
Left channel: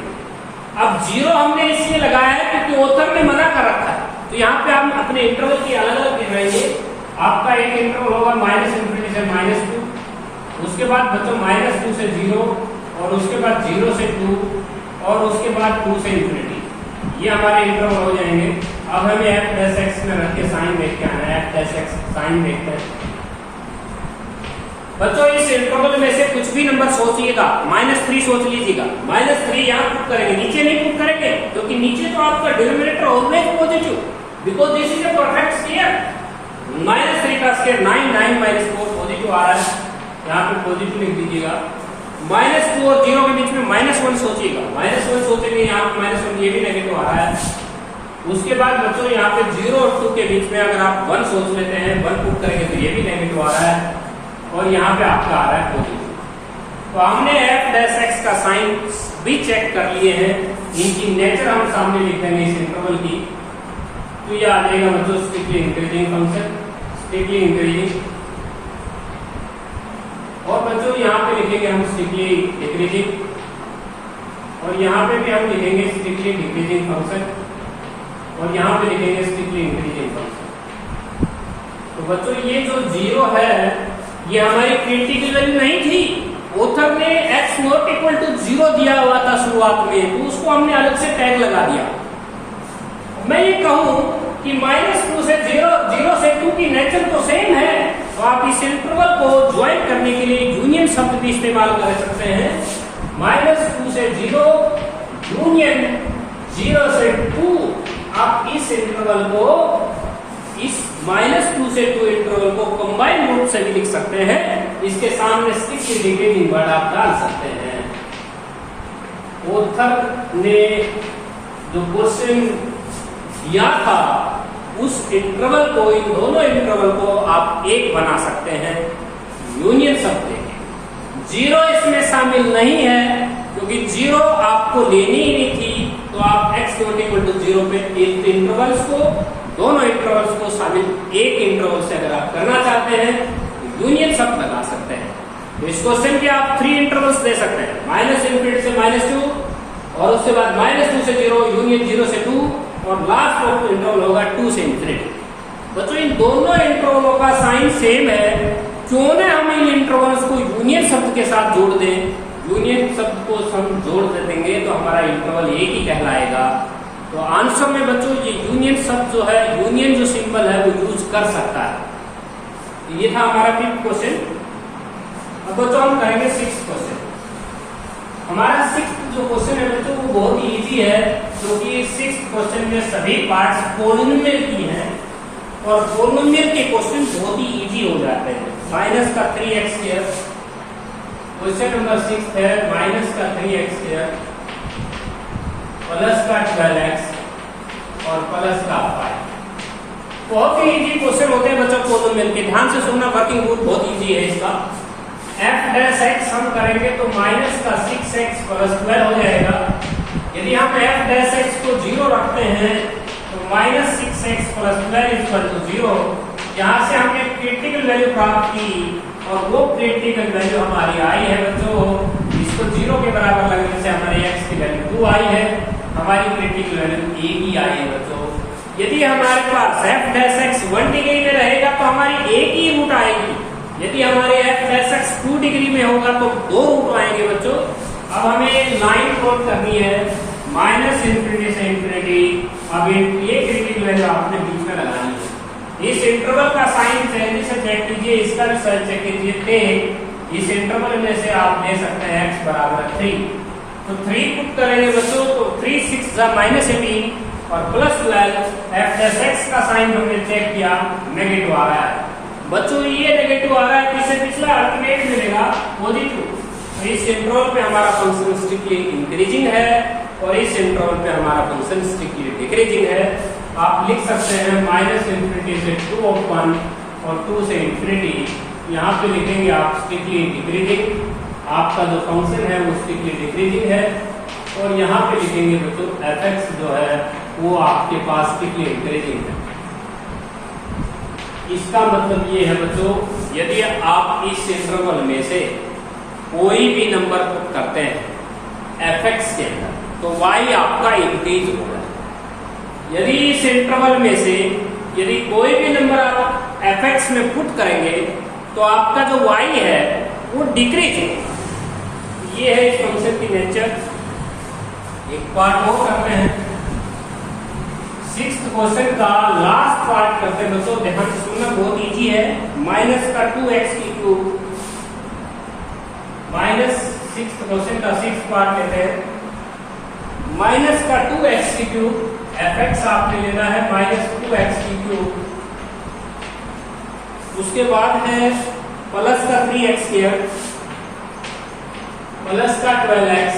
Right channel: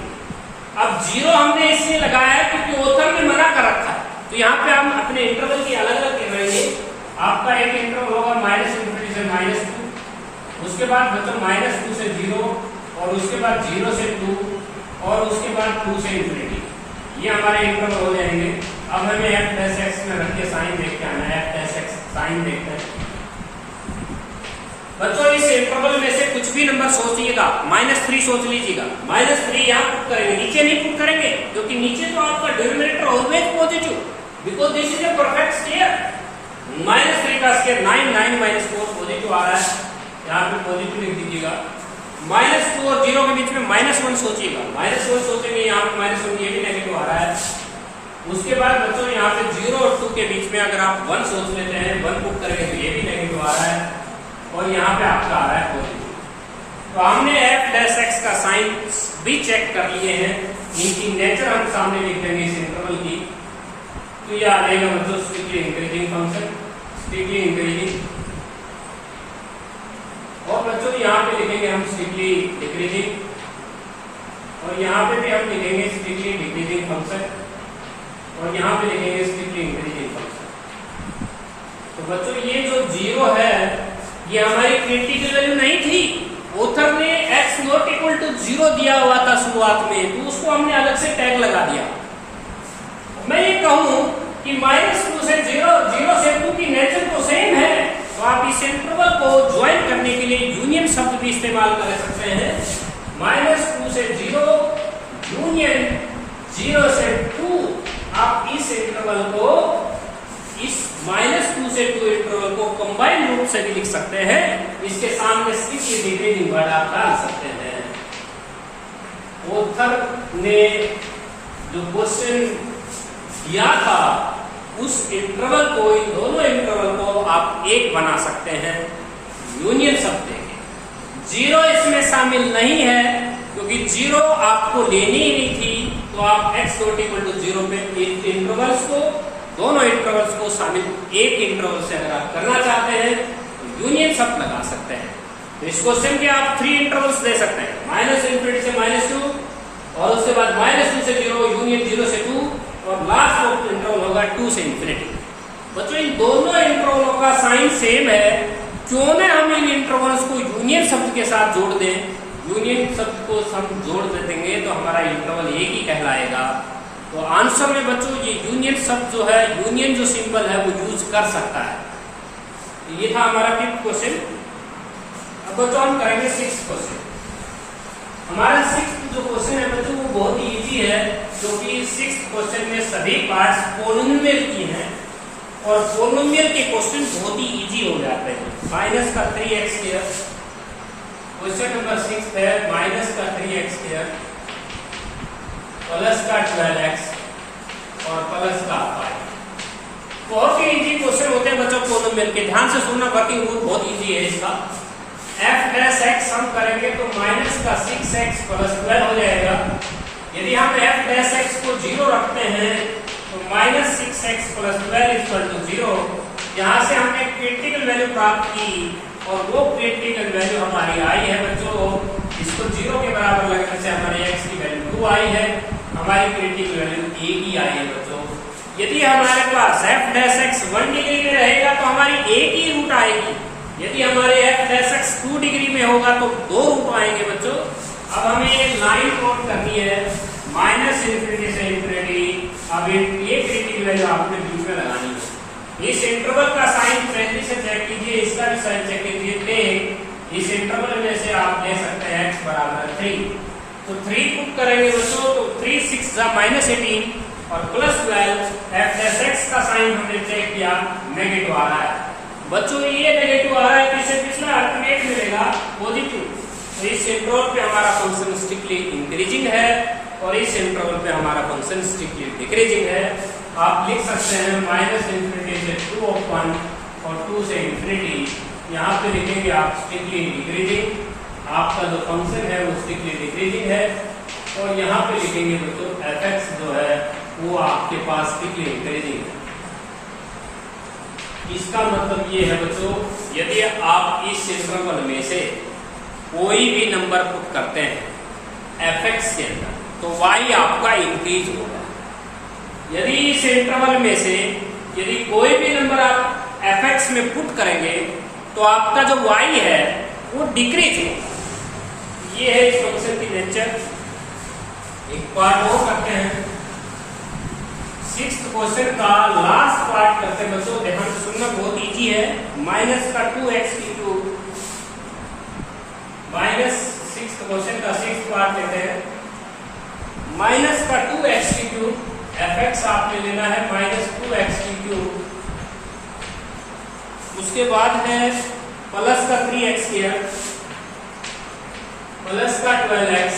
अब 0 हमने इसलिए लगाया है क्योंकि ऑथर ने मना कर रखा है। तो यहाँ पे हम अपने इंटरवल की अलग अलग गिनाएंगे। आपका एक इंटरवल होगा -∞ से -2, उसके बाद बच्चों -2 से 0, और उसके बाद 0 से 2, और उसके बाद 2 से ∞। ये हमारे इंटरवल हो जाएंगे। अब हमें f' में रख के साइन देख के आना है, f' साइन देखते हैं। बच्चों इस इंटरवल में से कुछ भी नंबर सोचिएगा, -3 सोच लीजिएगा, -3 यहाँ पुट करेंगे, नीचे नहीं पुट करेंगे, क्योंकि नीचे तो आपका denominator always positive, because this is a perfect square. -3 का स्क्वायर 9, 9 - 4 पॉजिटिव आ रहा है, यहाँ पे पॉजिटिव लिख दीजिएगा। -2 और 0 के बीच में -1 सोचिएगा, -1 सोचेंगे, यहाँ पे -1 ये भी नेगेटिव आ रहा है। उसके बाद बच्चों यहाँ पे 0 और 2 के बीच में अगर आप 1 सोच लेते हैं, 1 पुट करेंगे तो ये भी नेगेटिव आ रहा है, और यहाँ पे आपका आ रहा है पॉजिटिव। तो हमने f' का साइन भी चेक कर लिए हैं, इनकी नेचर हम सामने लिख देंगे इस इंटरवल की। तो ये आ जाएगा बच्चों strictly increasing function, strictly increasing. और बच्चों यहाँ पे लिखेंगे हम स्ट्रिक्टली डिक्रीजिंग, और यहाँ पे भी हम लिखेंगे स्ट्रिक्टली डिक्रीजिंग फंक्शन, और यहाँ पे लिखेंगे स्ट्रिक्टली इंक्रीजिंग फंक्शन। तो बच्चों ये जो 0 है ये हमारी क्रिटिकल वैल्यू नहीं थी, ऑथर ने x नॉट इक्वल टू 0 दिया हुआ था शुरुआत में, तो उसको हमने अलग से टैग लगा दिया। मैं ये कहूं कि -2 से 0, 0 से 2 की नेचर तो सेम है, तो आप इस इंटरवल को ज्वाइन करने के लिए यूनियन शब्द भी इस्तेमाल कर सकते हैं। -2 से 0 यूनियन 0 से 2, आप इस इंटरवल को, इस -2 से 2 इंटरवल को कंबाइंड रूप से भी लिख सकते हैं। इसके सामने 6 डिग्री वर्ड आप डाल सकते हैं। ऑथर ने जो क्वेश्चन दिया था उस इंटरवल को, इन दोनों इंटरवल को आप एक बना सकते हैं यूनियन शब्द। 0 इसमें शामिल नहीं है, क्योंकि 0 आपको लेनी ही नहीं थी, तो आप x नॉट इक्वल टू 0 पे इंटरवल्स को, दोनों इंटरवल्स को शामिल एक इंटरवल से अगर आप करना चाहते हैं तो यूनियन शब्द लगा सकते हैं। तो इस क्वेश्चन के आप 3 इंटरवल्स दे सकते हैं, -∞ से -2, और उसके बाद -2 से 0, यूनियन 0 से 2, और लास्ट ऑफ इंटरवल होगा 2 से ∞। बच्चों इन दोनों इंटरवलों का साइन सेम है, क्यों ना हम इन इंटरवल्स को यूनियन शब्द के साथ जोड़ दें। यूनियन शब्द को हम जोड़ देंगे तो हमारा इंटरवल एक ही कहलाएगा। तो आंसर में बच्चों ये यूनियन शब्द जो है, यूनियन जो सिंबल है वो यूज कर सकता है। ये था हमारा 5th क्वेश्चन। अब बच्चों हम करेंगे 6th क्वेश्चन। हमारा 6th जो क्वेश्चन है बच्चों वो बहुत इजी है, क्योंकि 6th क्वेश्चन में सभी पार्ट्स पॉलिनोमियल की हैं, और पॉलिनोमियल के क्वेश्चन बहुत ही इजी हो जाते हैं। माइनस का 3x², क्वेश्चन नंबर 6 है, माइनस का 3x², प्लस का 12x और प्लस का 5। बहुत ही इजी क्वेश्चन होते हैं बच्चों पॉलिनोमियल के, ध्यान से सुनना, वर्किंग रूल बहुत इजी है इसका। f डैश x हम करेंगे तो माइनस का 6x प्लस 12 हो जाएगा। यदि हम f डैश x को 0 रखते हैं तो minus 6x plus 12 equal to 0। यहाँ से हमने क्रिटिकल वैल्यू प्राप्त की और वो क्रिटिकल वैल्यू हमारी आई है बच्चों, इसको 0 के बराबर लगने से हमारे x की वैल्यू 2 आई है, हमारी क्रिटिकल वैल्यू a की आई है बच्चों। यदि हमारे पास f डैश x 1 डिग्री में रहेगा तो हमारी a की रूट आएगी, यदि हमारे f डैश x 2 डिग्री में होगा तो 2 रूट आएंगे बच्चों। अब हमें लाइन प्लॉट करनी है माइनस इंफिनिटी से इंफिनिटी। अब ये क्रिटिकल वैल्यू आपने बीच में लगानी है। इस इंटरवल का साइन जल्दी से चेक कीजिए, इसका भी साइन चेक कीजिए। इस इंटरवल में से आप ले सकते हैं x बराबर 3, तो 3 पुट करेंगे बच्चों तो 3 6 माइनस 18 और प्लस 12। f डैश x का साइन हमने चेक किया, नेगेटिव आ रहा है बच्चों, ये नेगेटिव आ रहा है, इससे पिछला अल्टरनेट मिलेगा पॉजिटिव। तो इस इंटरवल पे हमारा फंक्शन स्ट्रिक्टली इंक्रीजिंग है और इस इंटरवल पे हमारा फंक्शन स्ट्रिक्टली डिक्रीजिंग है। आप लिख सकते हैं माइनस इंफिनिटी से 2 ऑफ 1 और 2 से इंफिनिटी। यहाँ पे लिखेंगे आप स्ट्रिक्टली डिक्रीजिंग, आपका जो फंक्शन है वो स्ट्रिक्टली डिक्रीजिंग है। और यहाँ पे लिखेंगे बच्चों f(x) जो है वो आपके पास स्ट्रिक्टली इंक्रीजिंग है। इसका मतलब ये है बच्चों, यदि आप इस इंटरवल में से कोई भी नंबर पुट करते हैं f(x) के अंदर तो y आपका इंक्रीज होगा। यदि इस इंटरवल में से यदि कोई भी नंबर आप f(x) में पुट करेंगे तो आपका जो y है वो डिक्रीज होगा। ये है इस फंक्शन की नेचर। एक पार्ट और करते हैं, 6th क्वेश्चन का लास्ट पार्ट करते हैं बच्चों, ध्यान से सुनना, बहुत इजी है। माइनस का 2x की क्यूब, माइनस 6th क्वेश्चन का 6th पार्ट लेते हैं। माइनस का 2x की क्यूब, f(x) आपने लेना है माइनस 2x की क्यूब। उसके बाद है प्लस का 3x स्क्वायर, प्लस का 12x,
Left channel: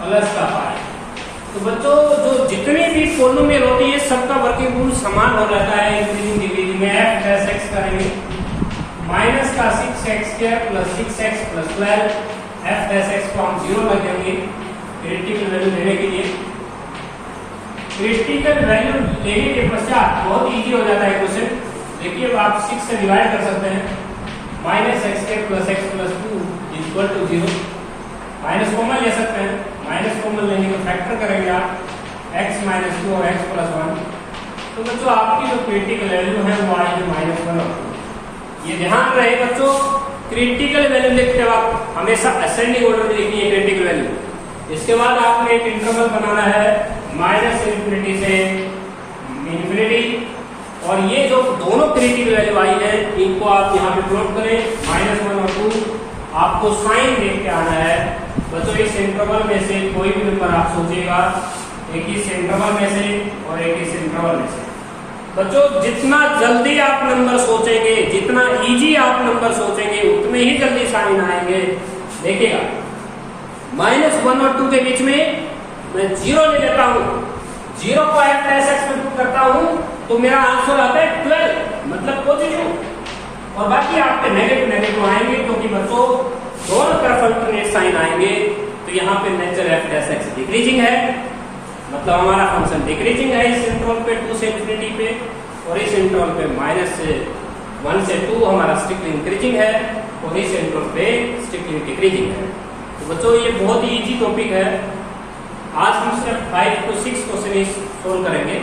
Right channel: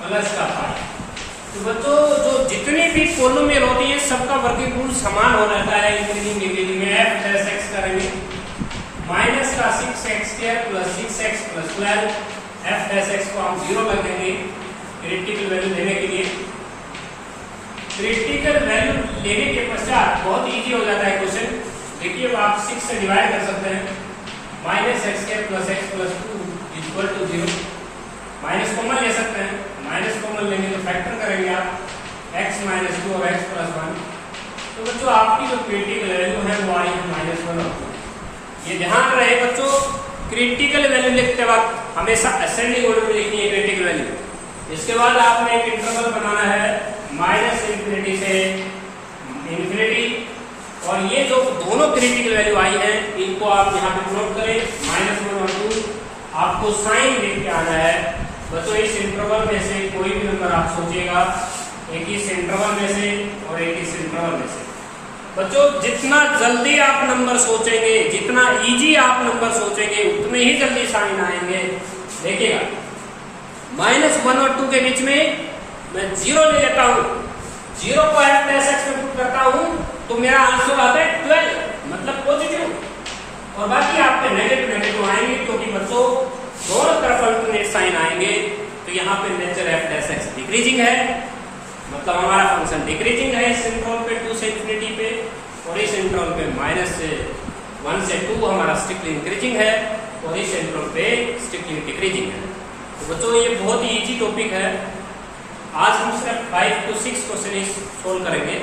प्लस का 5। तो बच्चों जो जितने भी पॉलिनोमियल होते हैं सबका वर्किंग रूल समान हो जाता है इंक्रीजिंग डिक्रीजिंग में। f डैश x करेंगे माइनस का 6x square plus 6x plus 12। f dash x को हम 0 रखेंगे क्रिटिकल वैल्यू लेने के लिए। क्रिटिकल वैल्यू लेने के पश्चात बहुत इजी हो जाता है क्वेश्चन। देखिए आप 6 से डिवाइड कर सकते हैं, minus x square plus x plus 2 equal to 0। Minus common ले सकते हैं, माइनस कॉमन लेंगे तो फैक्टर करेंगे आप x माइनस 2 और x प्लस 1। तो बच्चों आपकी जो क्रिटिकल वैल्यू है वो आई है माइनस 1 और 2। ये ध्यान रहे बच्चों, क्रिटिकल वैल्यू लिखते वक्त हमेशा असेंडिंग ऑर्डर में लिखनी है क्रिटिकल वैल्यू। इसके बाद आपने एक इंटरवल बनाना है माइनस इंफिनिटी से इंफिनिटी, और ये जो दोनों क्रिटिकल वैल्यू आई है इनको आप यहाँ पे प्लॉट करें, माइनस 1 और 2। आपको साइन देख के आना है बच्चों। इस इंटरवल में से कोई भी नंबर आप सोचिएगा, एक इस इंटरवल में से और एक इस इंटरवल में से। बच्चों जितना जल्दी आप नंबर सोचेंगे, जितना इजी आप नंबर सोचेंगे, उतने ही जल्दी साइन आएंगे। देखिएगा माइनस 1 और 2 के बीच में मैं 0 ले लेता हूँ, 0 को f डैश x में पुट करता हूँ तो मेरा आंसर आता है 12, मतलब पॉजिटिव। और बाकी आपके नेगेटिव नेगेटिव आएंगे क्योंकि बच्चों दोनों तरफ अल्टरनेट साइन आएंगे। तो यहाँ पे nature f dash x decreasing है, मतलब हमारा फंक्शन डिक्रीजिंग है इस इंटरवल पे 2 से इंफिनिटी पे, और इस इंटरवल पे माइनस 1 से 2 हमारा स्ट्रिक्टली इंक्रीजिंग है और इस इंटरवल पे स्ट्रिक्टली डिक्रीजिंग है। तो बच्चों ये बहुत ही इजी टॉपिक है। आज हम सिर्फ 5 to 6 क्वेश्चन सोल्व करेंगे।